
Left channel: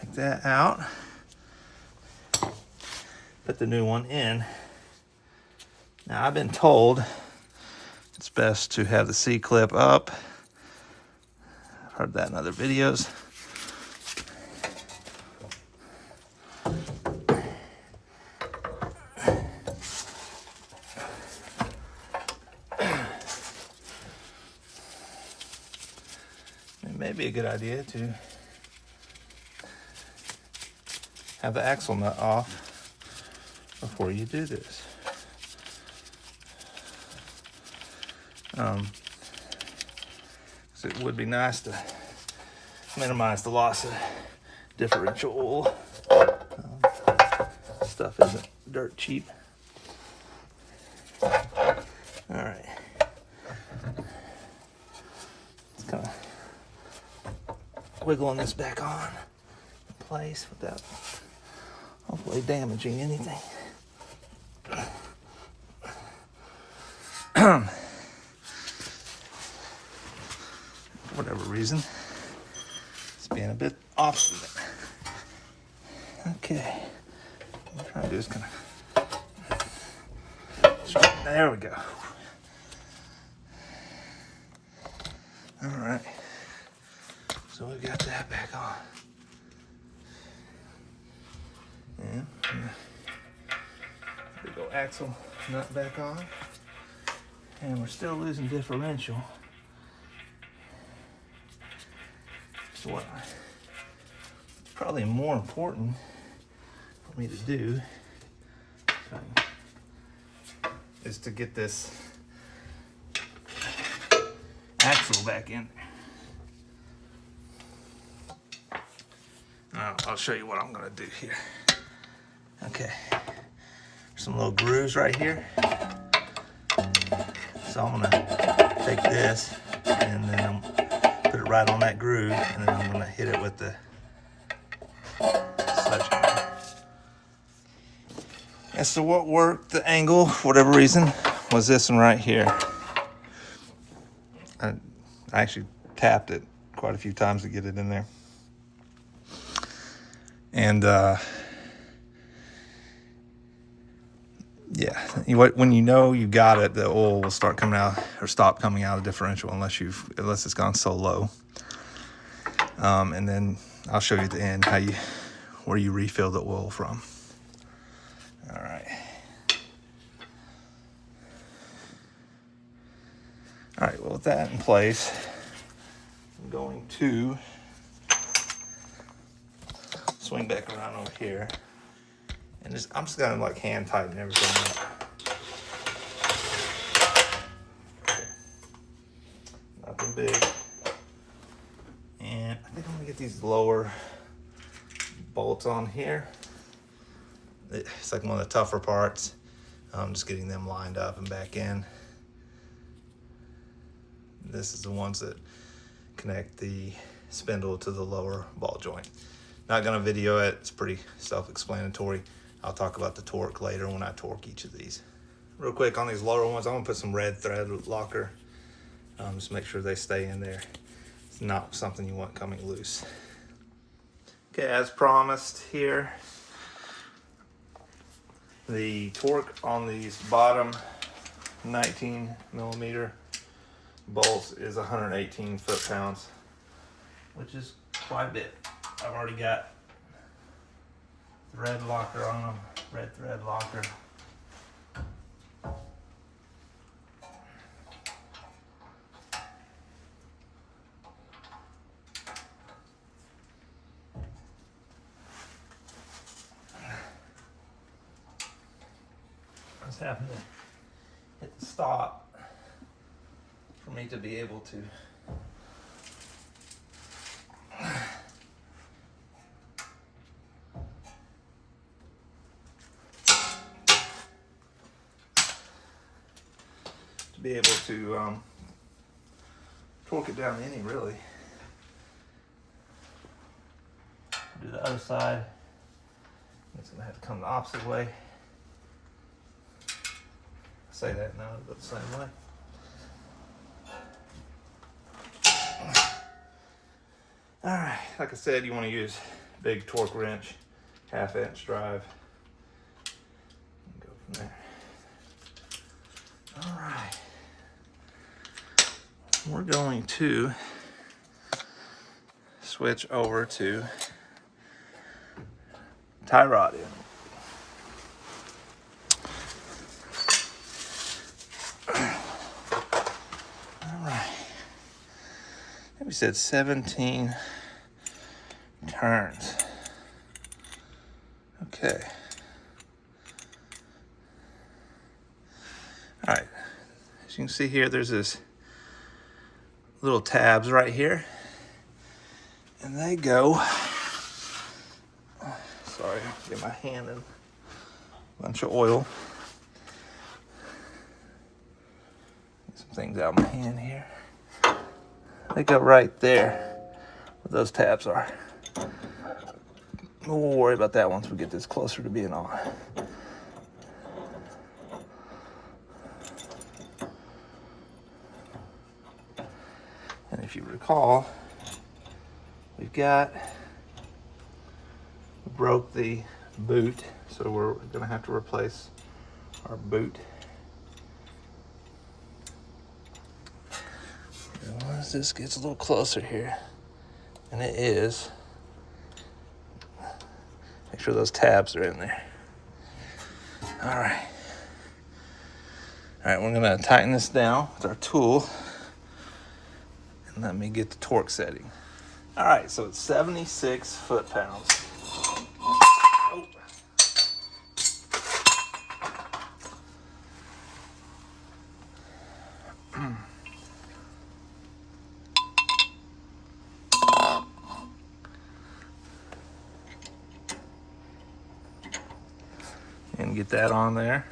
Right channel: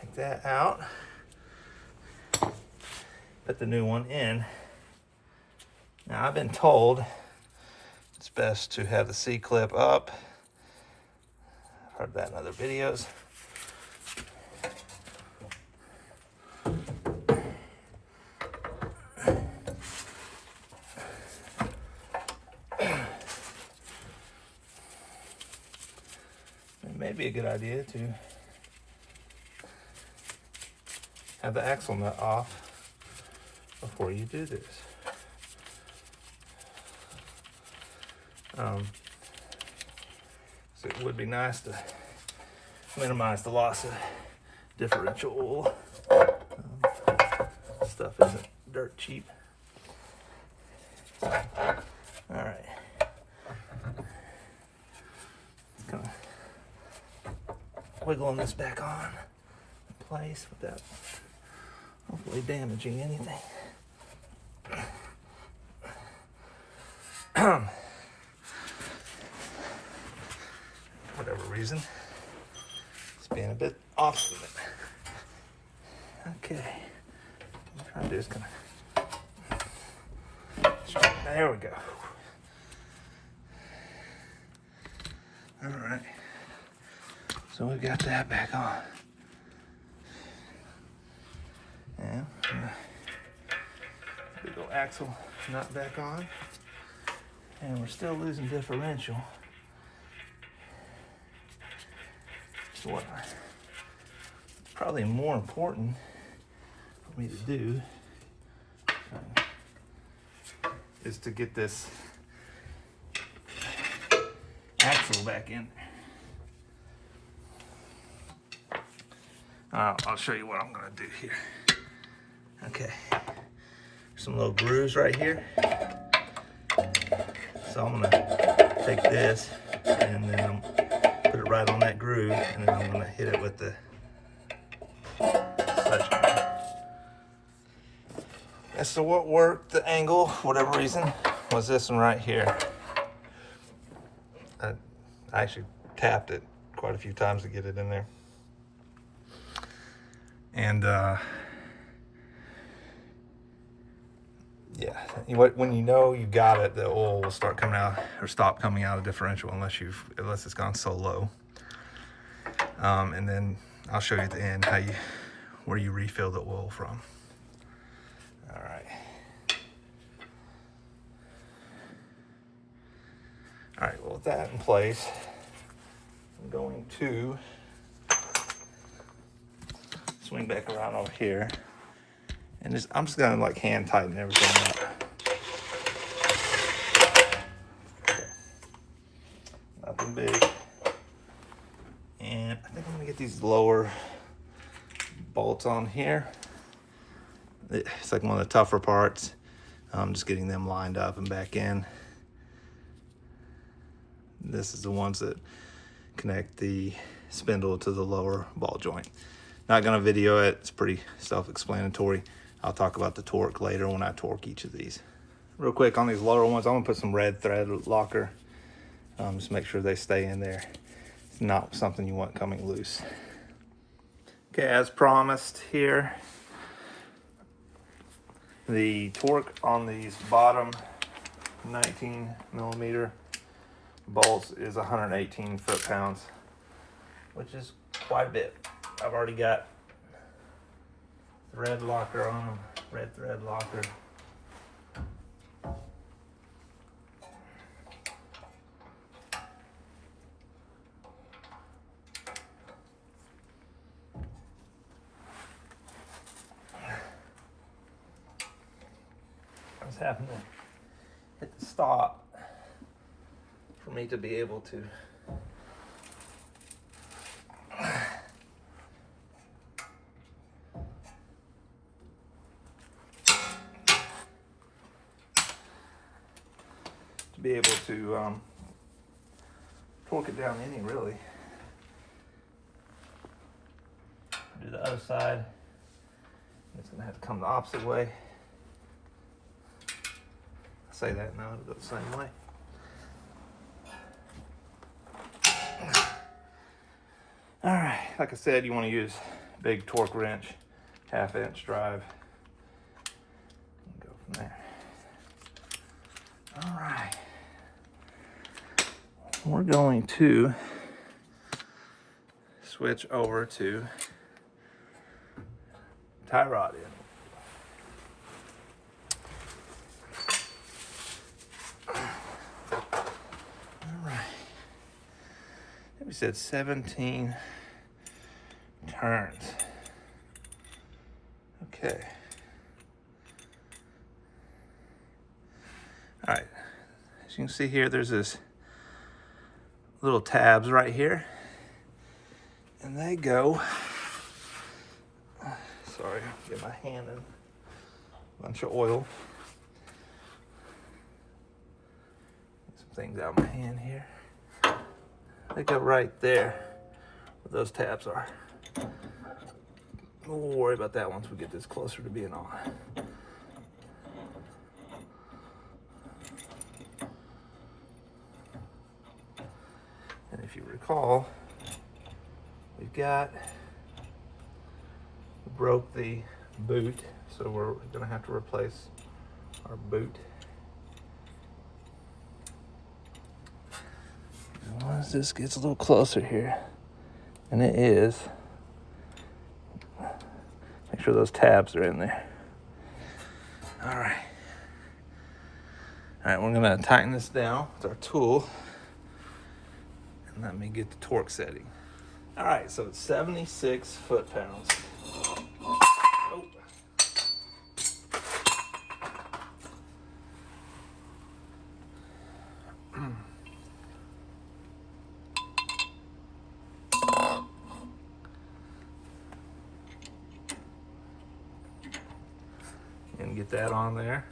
Take that out. Put the new one in. Now I've been told it's best to have the C-clip up. I've heard that in other videos. It may be a good idea to have the axle nut off before you do this. So it would be nice to minimize the loss of differential oil. Stuff isn't dirt cheap. All right. Just kind of wiggling this back on in place without hopefully damaging anything. whatever reason, it's being a bit off. Okay, what I'm trying to do is kind of, there we go. All right, so we got that back on. And big old axle nut back on. And we're still losing differential. So what probably more important for me to do is to get this axle back in there. I'll show you what I'm gonna do here. Okay, some little grooves right here. So I'm gonna take this and then put it right on that groove, and then I'm gonna hit it with the sledgehammer. And so what worked the angle, for whatever reason, was this one right here. I actually tapped it quite a few times to get it in there. And yeah, when you know you got it, the oil will start coming out or stop coming out of the differential unless it's gone so low. And then I'll show you at the end where you refill the oil from. All right, well, with that in place, I'm going to swing back around over here. And I'm just gonna like hand tighten everything up. Nothing big. And I think I'm gonna get these lower bolts on here. It's like one of the tougher parts. I'm just getting them lined up and back in. This is the ones that connect the spindle to the lower ball joint. Not gonna video it, it's pretty self-explanatory. I'll talk about the torque later when I torque each of these. Real quick on these lower ones, I'm gonna put some red thread locker. Just make sure they stay in there. It's not something you want coming loose. Okay, as promised here, the torque on these bottom 19 millimeter bolts is 118 foot-pounds, which is quite a bit. I've already got thread locker on them, red thread locker. I was having to hit the stop for me to be able to torque it down any, really. Do the other side. It's gonna have to come the opposite way. Say that now, it'll go the same way. All right, like I said, you want to use big torque wrench, 1/2-inch drive. Go from there. All right. We're going to switch over to tie rod in. All right. We said 17 turns. Okay. All right. As you can see here, there's this little tabs right here, and they go, sorry, I'll get my hand in a bunch of oil. Get some things out of my hand here. They go right there where those tabs are. We'll worry about that once we get this closer to being on. if you recall, we broke the boot, so we're gonna have to replace our boot. Once this gets a little closer here, and it is, make sure those tabs are in there. All right, we're gonna tighten this down with our tool, and let me get the torque setting. All right, so it's 76 foot-pounds. Oh. And get that on there.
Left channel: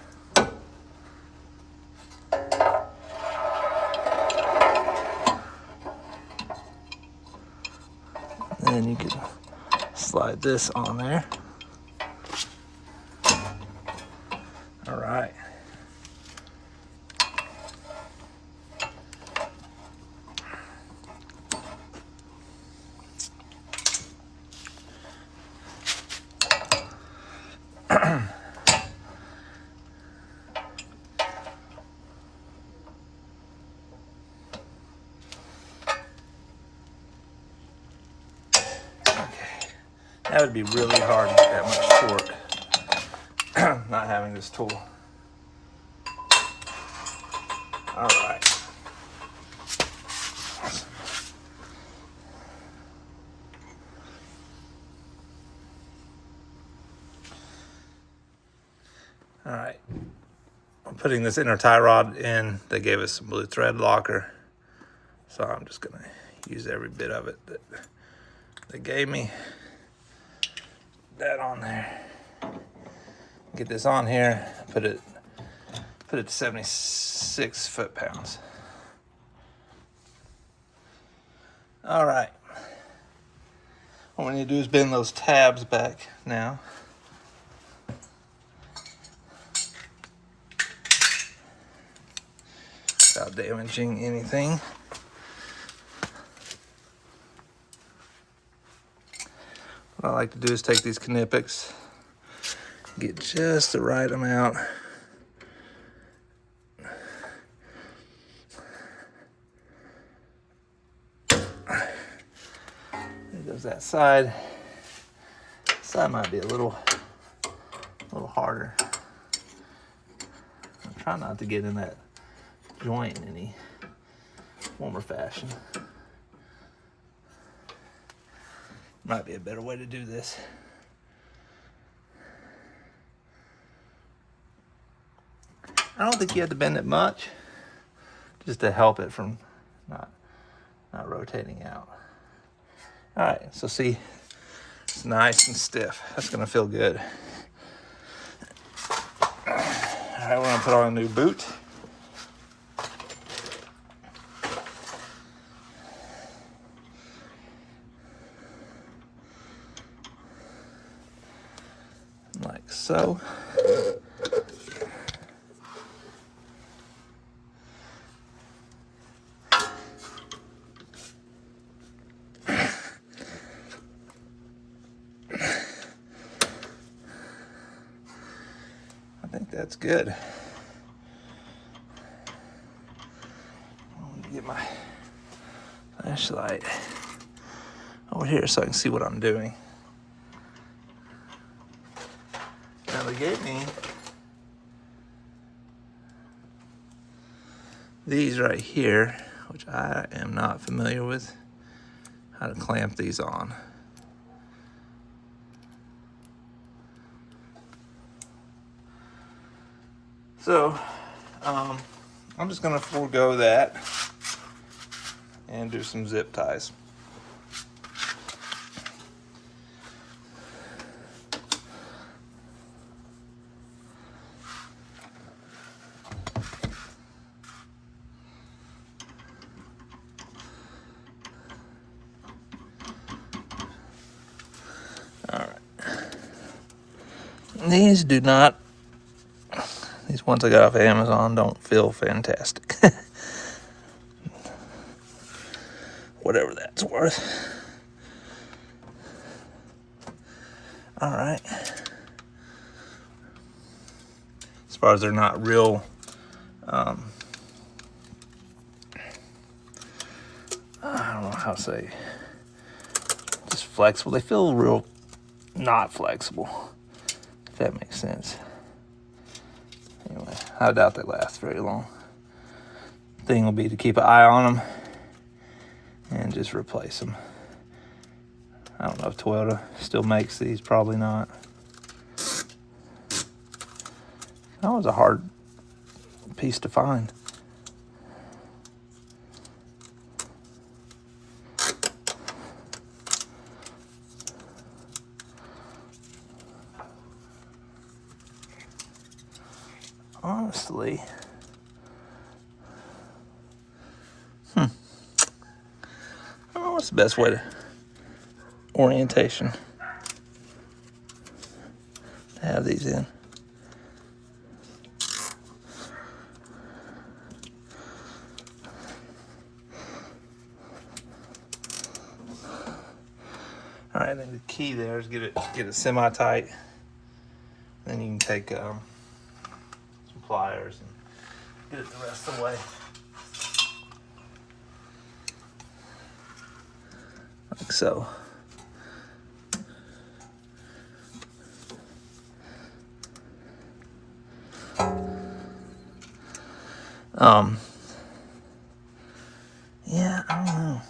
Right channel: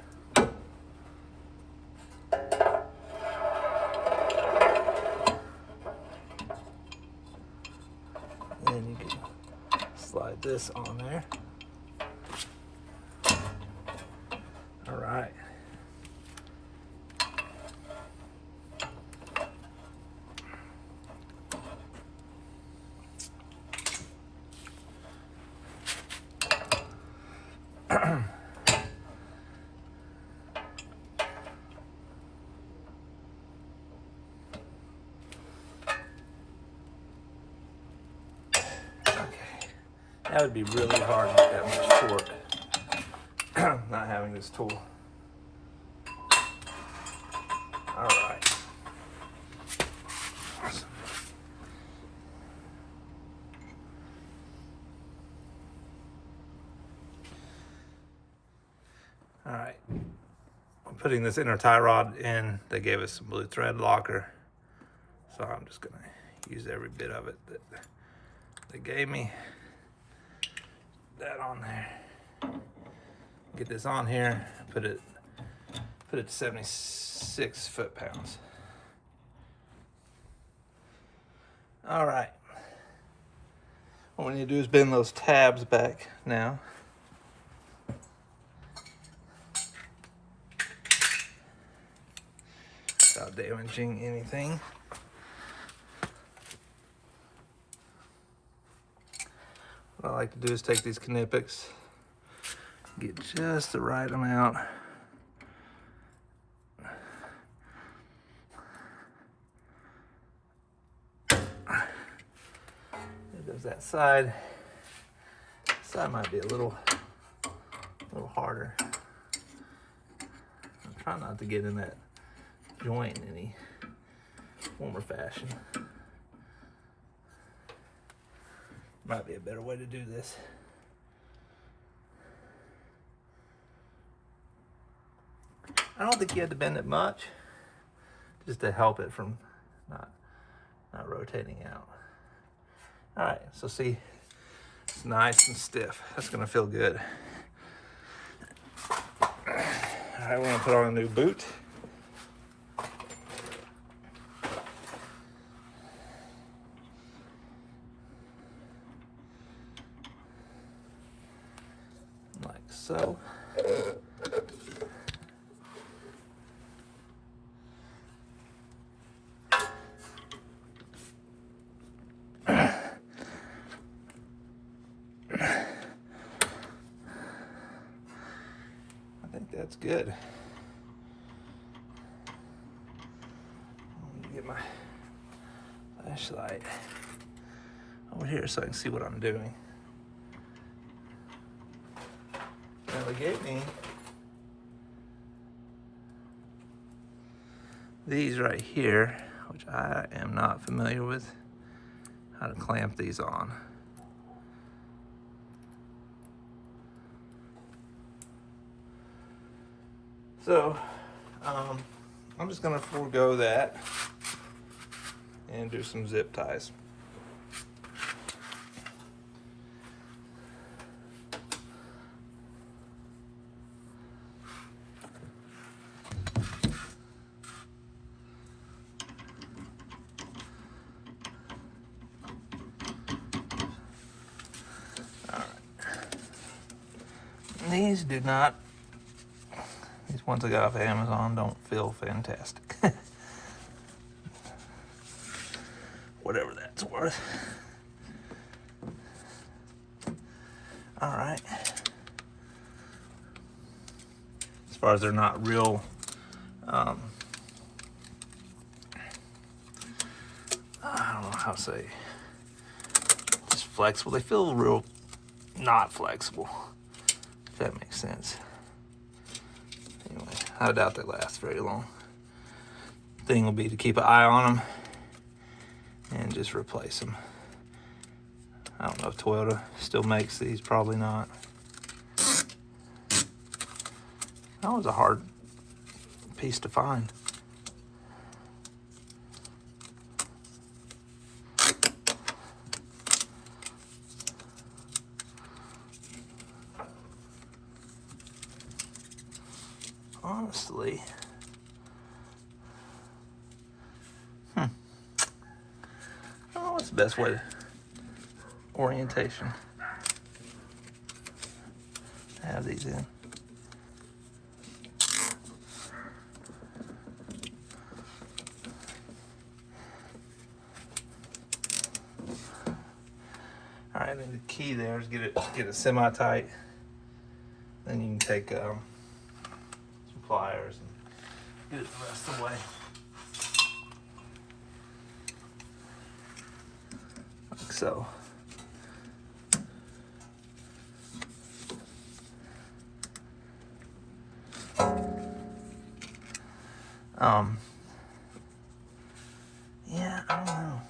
And then you can slide this on there. All right. That would be really hard to get that much torque, not having this tool. All right. Awesome. All right. I'm putting this inner tie rod in. They gave us some blue thread locker, so I'm just gonna use every bit of it that they gave me. That on there. Get this on here. Put it to 76 foot-pounds. All right. What we need to do is bend those tabs back now. Without damaging anything. What I like to do is take these Knipex, get just the right amount. There goes that side. Side might be a little harder. I'm trying not to get in that joint in any form or fashion. Might be a better way to do this. I don't think you have to bend it much, just to help it from not rotating out. All right, so see, it's nice and stiff. That's gonna feel good. All right, we're gonna put on a new boot. Like so. I think that's good. Let me get my flashlight over here so I can see what I'm doing. Now they gave me these right here, which I am not familiar with, how to clamp these on. So, I'm just gonna forego that and do some zip ties. All right. These do not. These ones I got off of Amazon don't feel fantastic. whatever that's worth. All right. As far as they're not real, I don't know how to say, just flexible. They feel real not flexible, if that makes sense. Anyway, I doubt they last very long. Thing will be to keep an eye on them and just replace them. I don't know if Toyota still makes these, probably not. That was a hard piece to find. Honestly, I don't know what's the best way to orientation to have these in. All right, I think the key there is get it semi-tight. Then you can take some pliers and get it the rest of the way. Like so. Yeah, I don't know.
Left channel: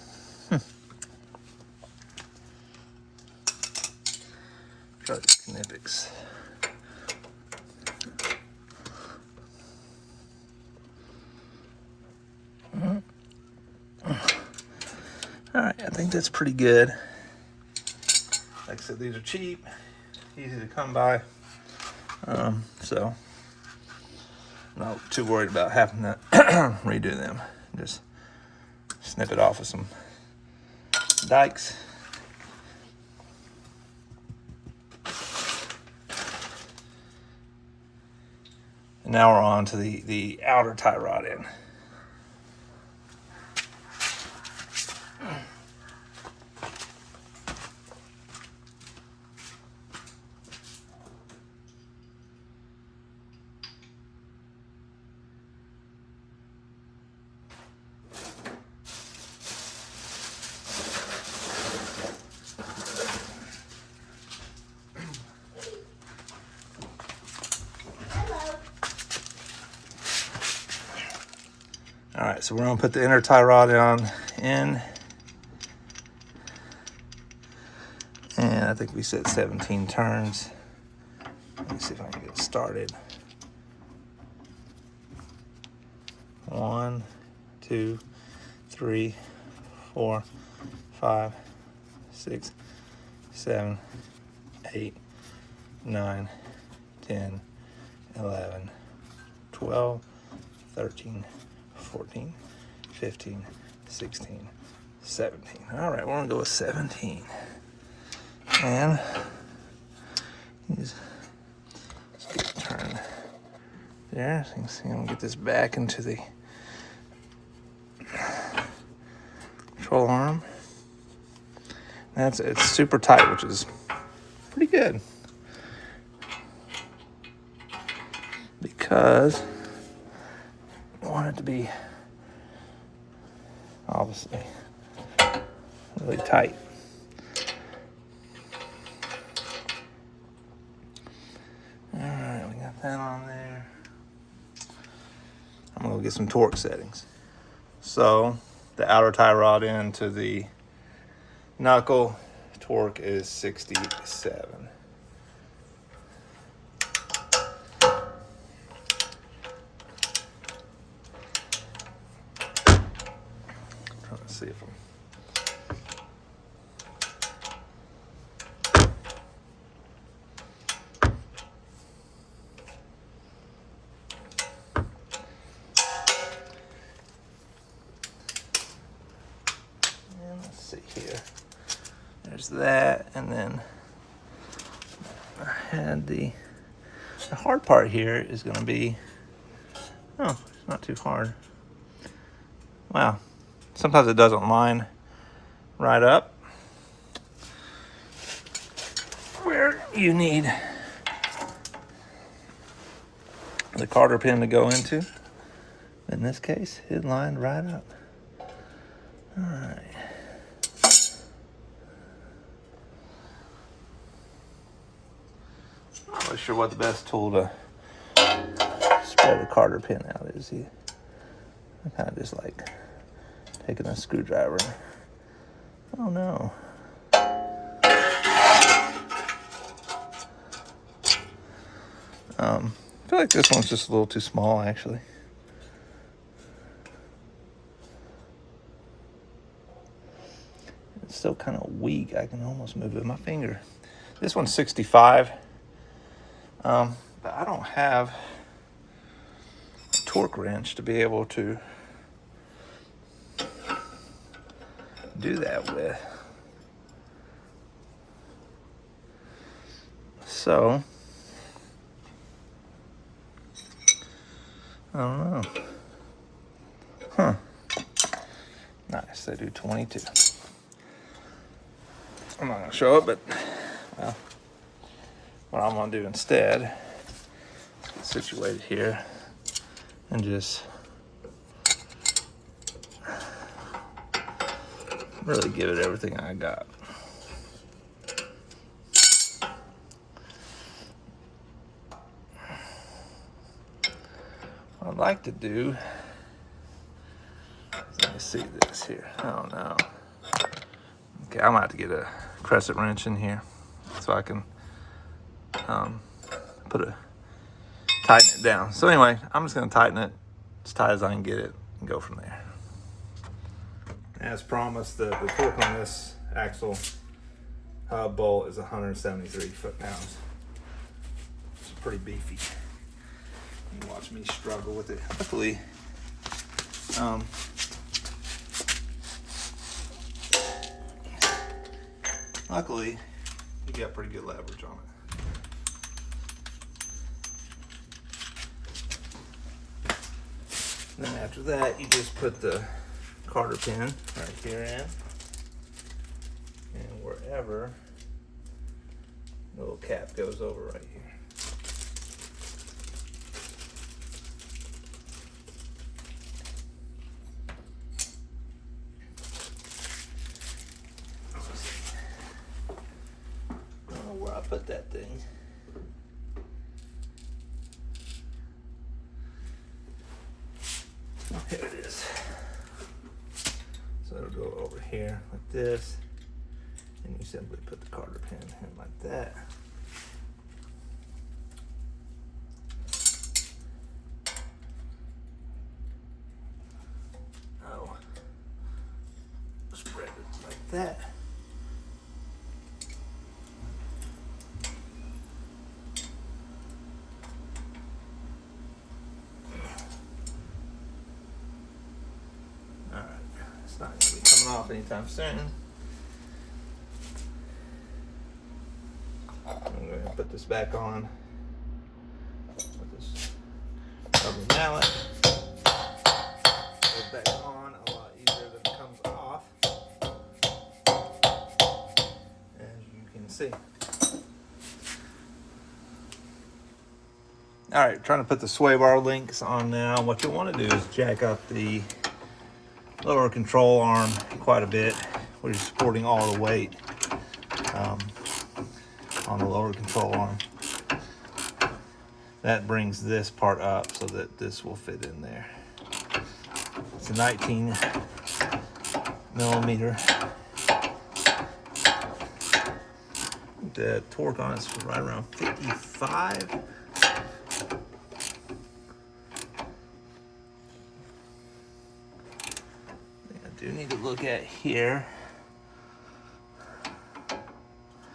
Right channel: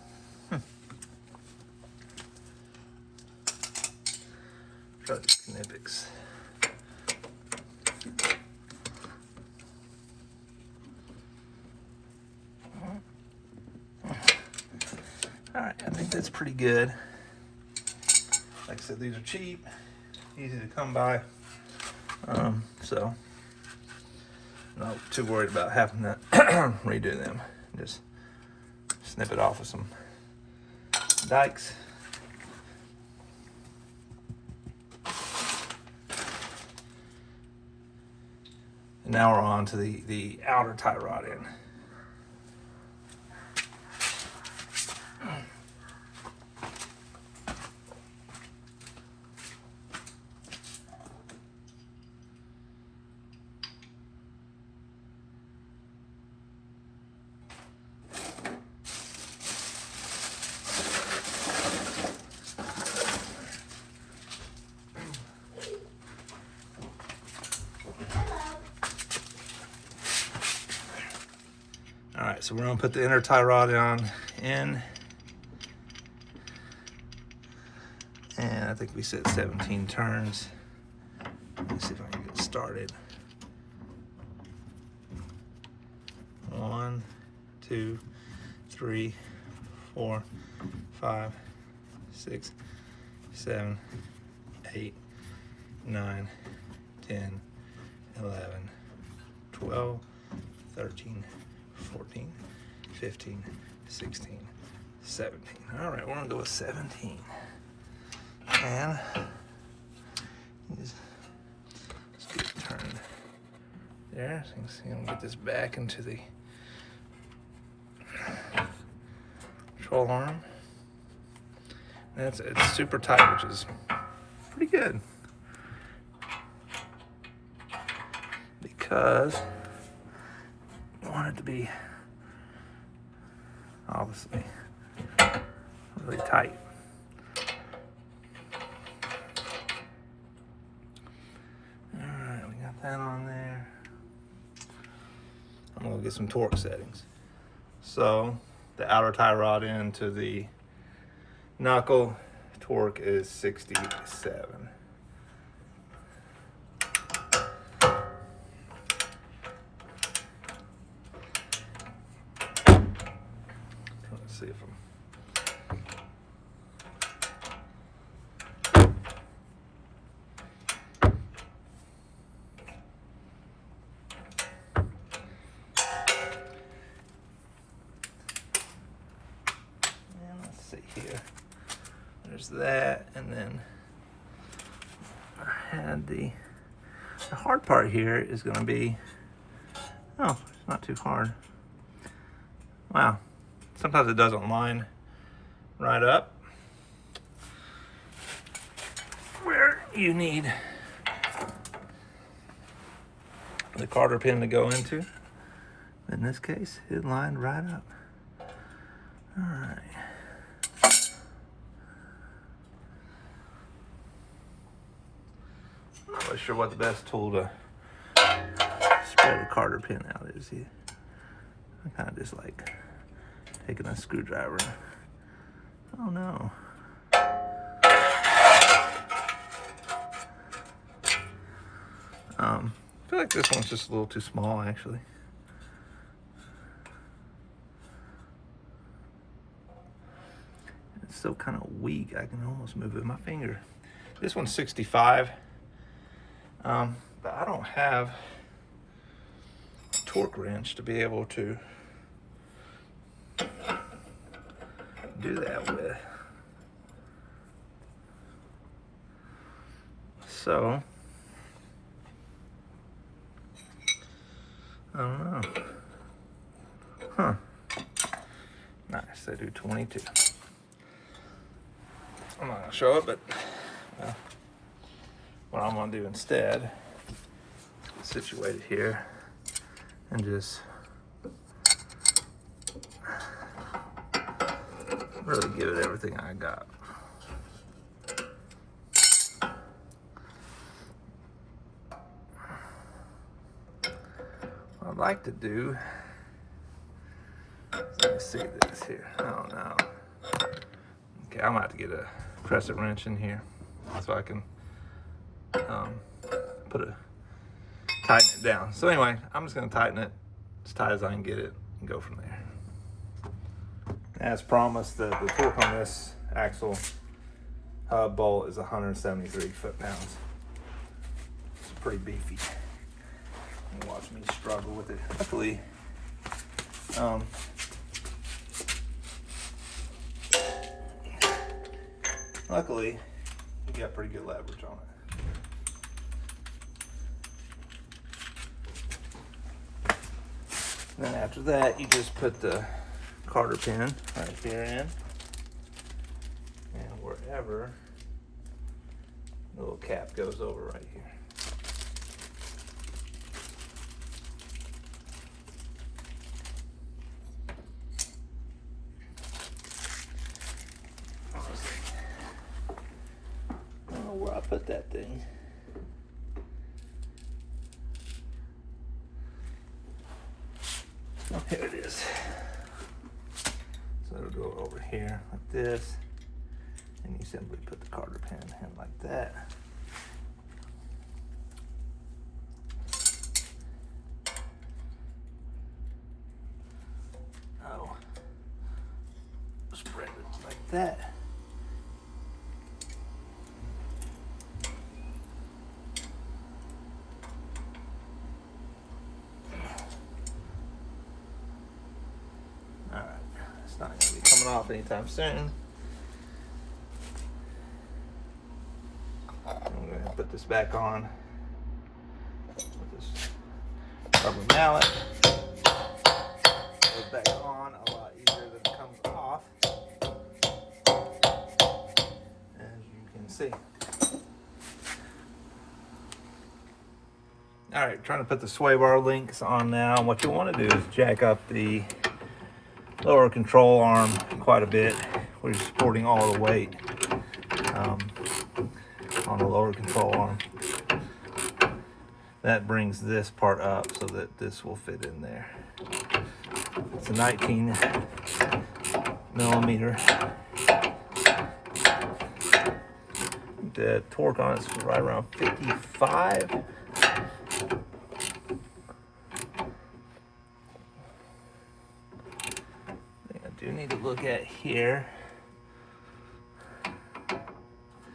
Try the Knipex. All right, I think that's pretty good. Like I said, these are cheap, easy to come by. So I'm not too worried about having to redo them. Just snip it off with some dikes. And now we're on to the outer tie rod end. All right, so we're gonna put the inner tie rod on in. And I think we set 17 turns. Let me see if I can get it started. 1, 2, 3, 4, 5, 6, 7, 8, 9, 10, 11, 12, 13, 14, 15, 16, 17. All right, we're gonna go with 17. And let's get it turned there. So you can see I'm gonna get this back into the control arm. It's super tight, which is pretty good. Because I want it to be obviously really tight. All right, we got that on there. I'm gonna go get some torque settings. So the outer tie rod into the knuckle torque is 67. See if let's see here. There's that, and then I had the hard part here is going to be, oh, it's not too hard. Wow. Sometimes it doesn't line right up where you need the Carter pin to go into. In this case, it lined right up. All right. Not really sure what the best tool to spread a Carter pin out is. I kind of just like taking a screwdriver. Oh no. I feel like this one's just a little too small, actually. It's still kind of weak. I can almost move it with my finger. This one's 65. But I don't have a torque wrench to be able to do that with. So, I don't know. Huh. Nice, they do 22. I'm not gonna show it, but well, what I'm gonna do instead, situate it here and just really give it everything I got. What I'd like to do, let me see this here. I don't know. Okay, I'm gonna have to get a crescent wrench in here so I can tighten it down. So anyway, I'm just gonna tighten it as tight as I can get it and go from there. As promised, the torque on this axle hub bolt is 173 foot-pounds. It's pretty beefy. You watch me struggle with it. Luckily, you got pretty good leverage on it. Then after that, you just put the Carter pin right here in, and wherever the little cap goes over right here. I don't know where I put that thing. Oh, here it is. So it'll go over here like this, and you simply put the Carter pin in like that. Oh, spread it like that. It's not going to be coming off anytime soon. I'm going to put this back on with this rubber mallet. Goes back on a lot easier than it comes off, as you can see. Alright, trying to put the sway bar links on now. What you want to do is jack up the lower control arm quite a bit, where you're supporting all the weight on the lower control arm. That brings this part up so that this will fit in there. It's a 19 millimeter. The torque on it's right around 55. I do need to look at here.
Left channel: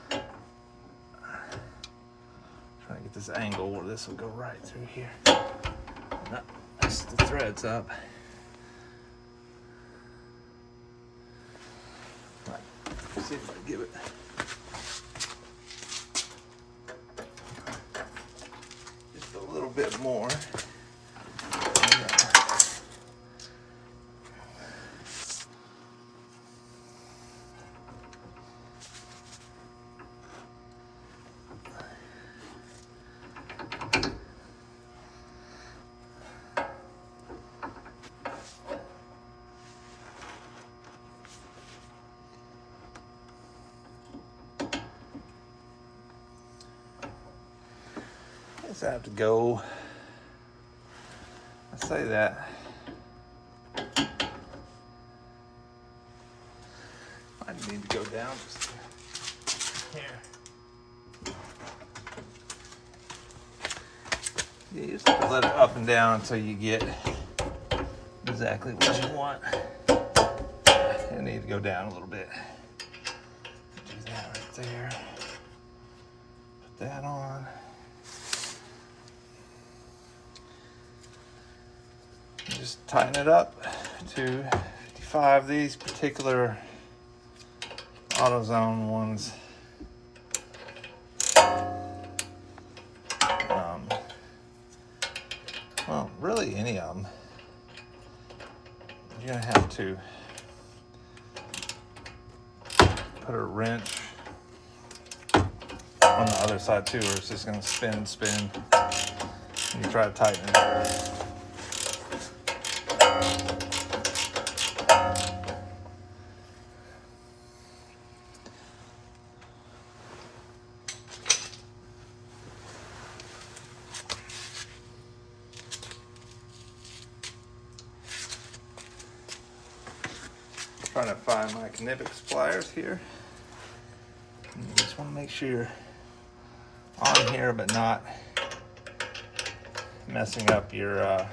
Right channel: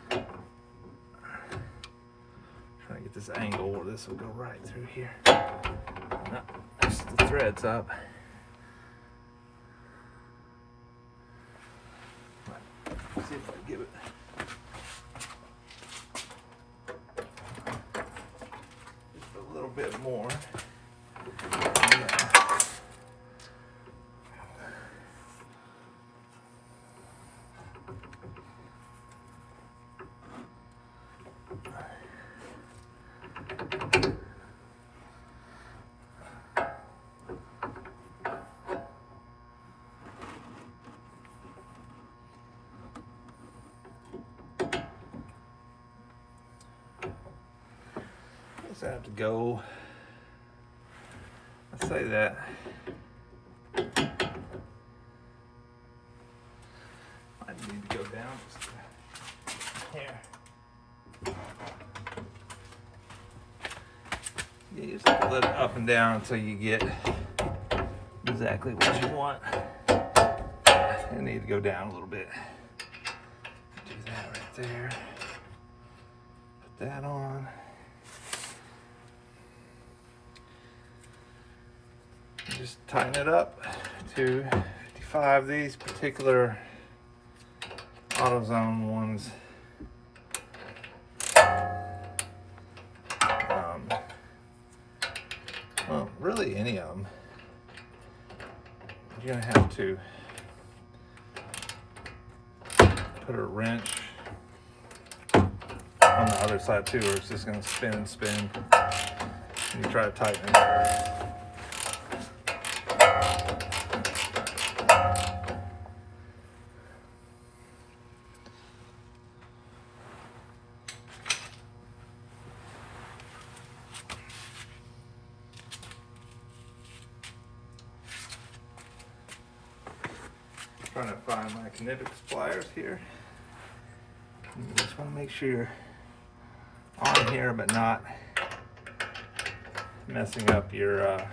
Trying to get this angle where this will go right through here. No, that's the threads up. Right. See if I can give it. Just a little bit more. Does that have to go? I say that. I need to go down just here. Yeah, you just have to let it up and down until you get exactly what you want. You need to go down a little bit. Do that right there. Put that on. Just tighten it up to 55. These particular AutoZone ones, well, really any of them, you're gonna have to put a wrench on the other side too, or it's just gonna spin and spin when you try to tighten it. Trying to find my Kinetics pliers here. You just want to make sure you're on here but not messing up your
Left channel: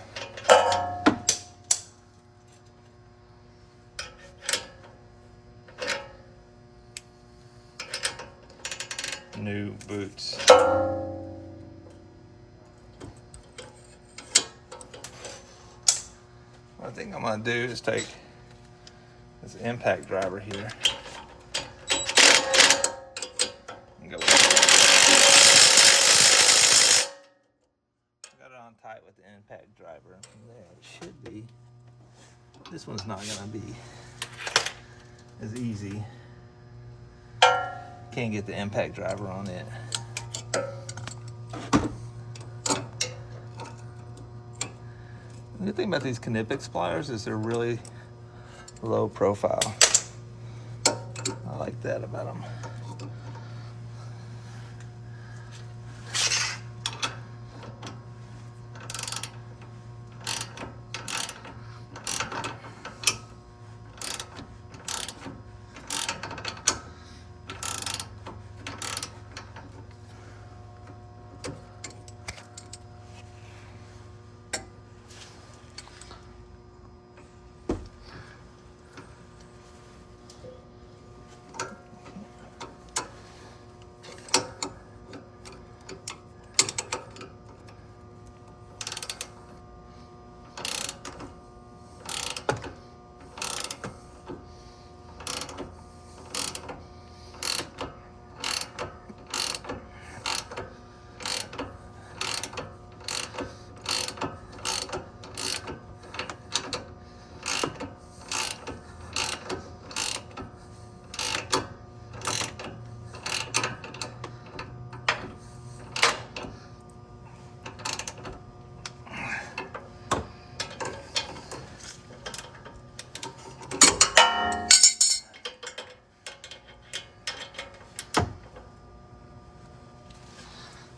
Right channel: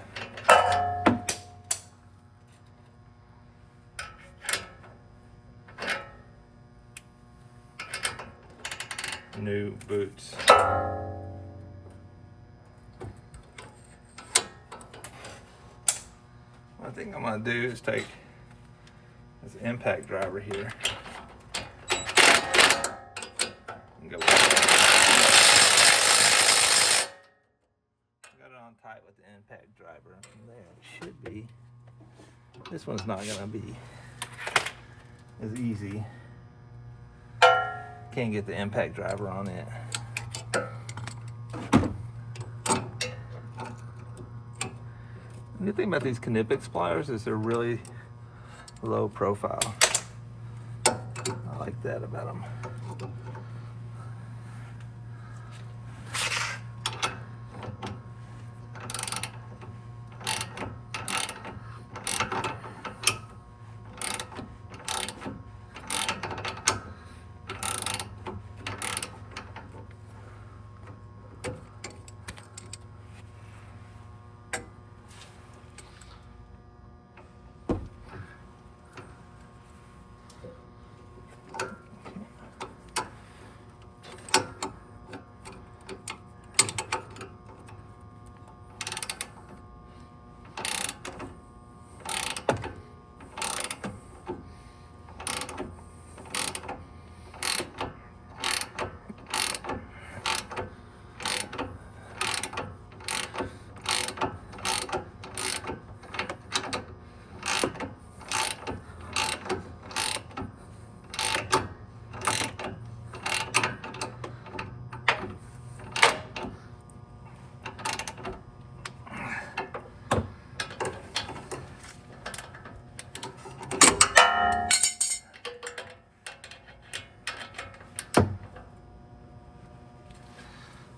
new boots. What I think I'm going to do is take this impact driver here and go. Got it on tight with the impact driver, and from there it should be. This one's not gonna be as easy. Can't get the impact driver on it. The good thing about these Kinetics pliers is they're really low profile. I like that about them.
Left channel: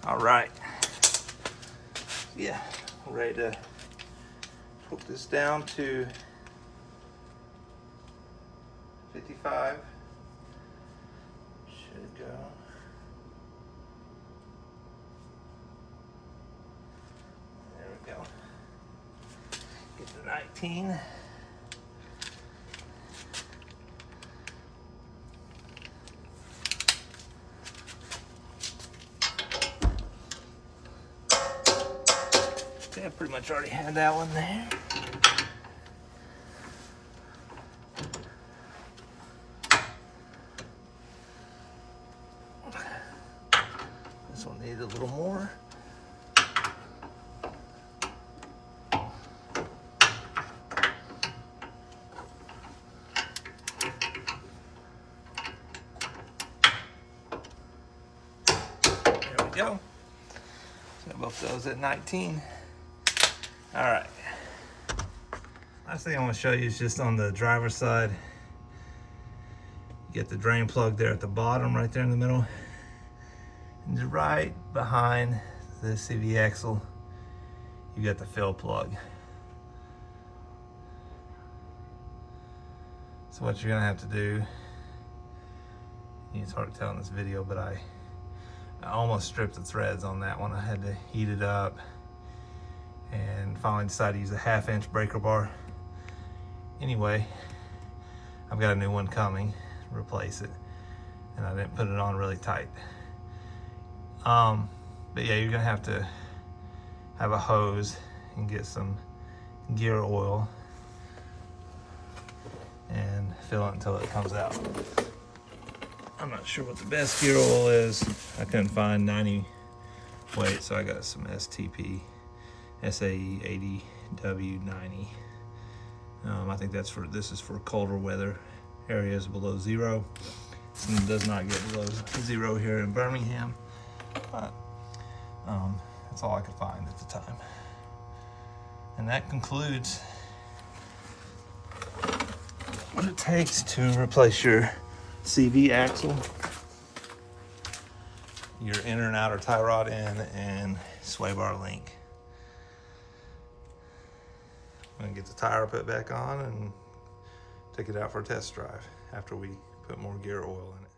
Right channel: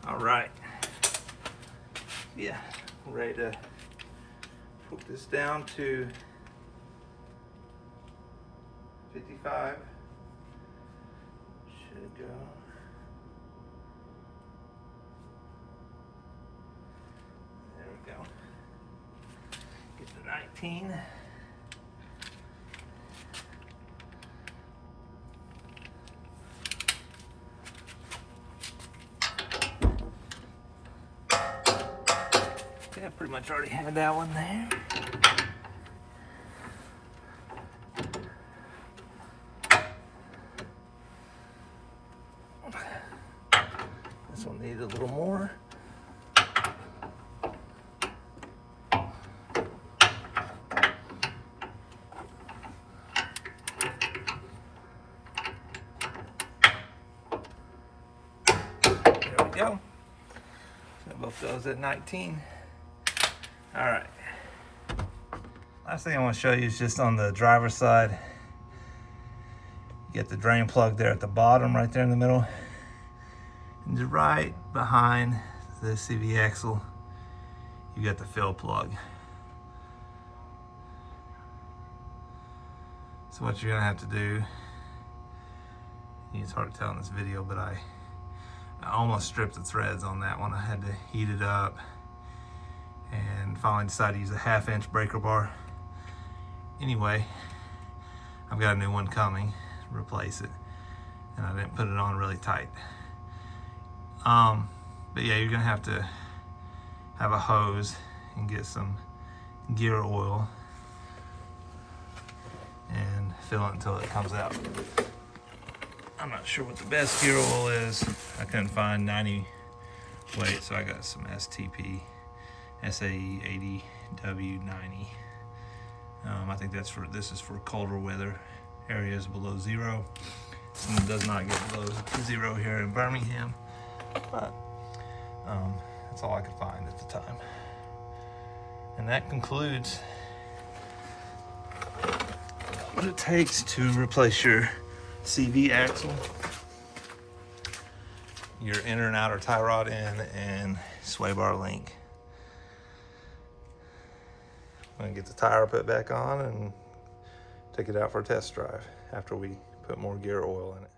All right. Yeah, we're ready to put this down to 55. Should go. There we go. Get to 19. I pretty much already had that one there. This one needs a little more. There we go. So both those at 19. All right. Last thing I want to show you is just on the driver's side. You get the drain plug there at the bottom, right there in the middle. And just right behind this CV axle, you got the fill plug. So what you're gonna have to do, it's hard to tell in this video, but I almost stripped the threads on that one. I had to heat it up and finally decided to use a 1/2-inch breaker bar. Anyway, I've got a new one coming, replace it, and I didn't put it on really tight. But yeah, you're gonna have to have a hose and get some gear oil and fill it until it comes out. I'm not sure what the best gear oil is. I couldn't find 90 weight, so I got some STP SAE 80W90. I think this is for colder weather areas below 0. It does not get below 0 here in Birmingham, but that's all I could find at the time. And that concludes what it takes to replace your CV axle, your inner and outer tie rod end, and sway bar link. I'm gonna get the tire put back on and take it out for a test drive after we put more gear oil in it.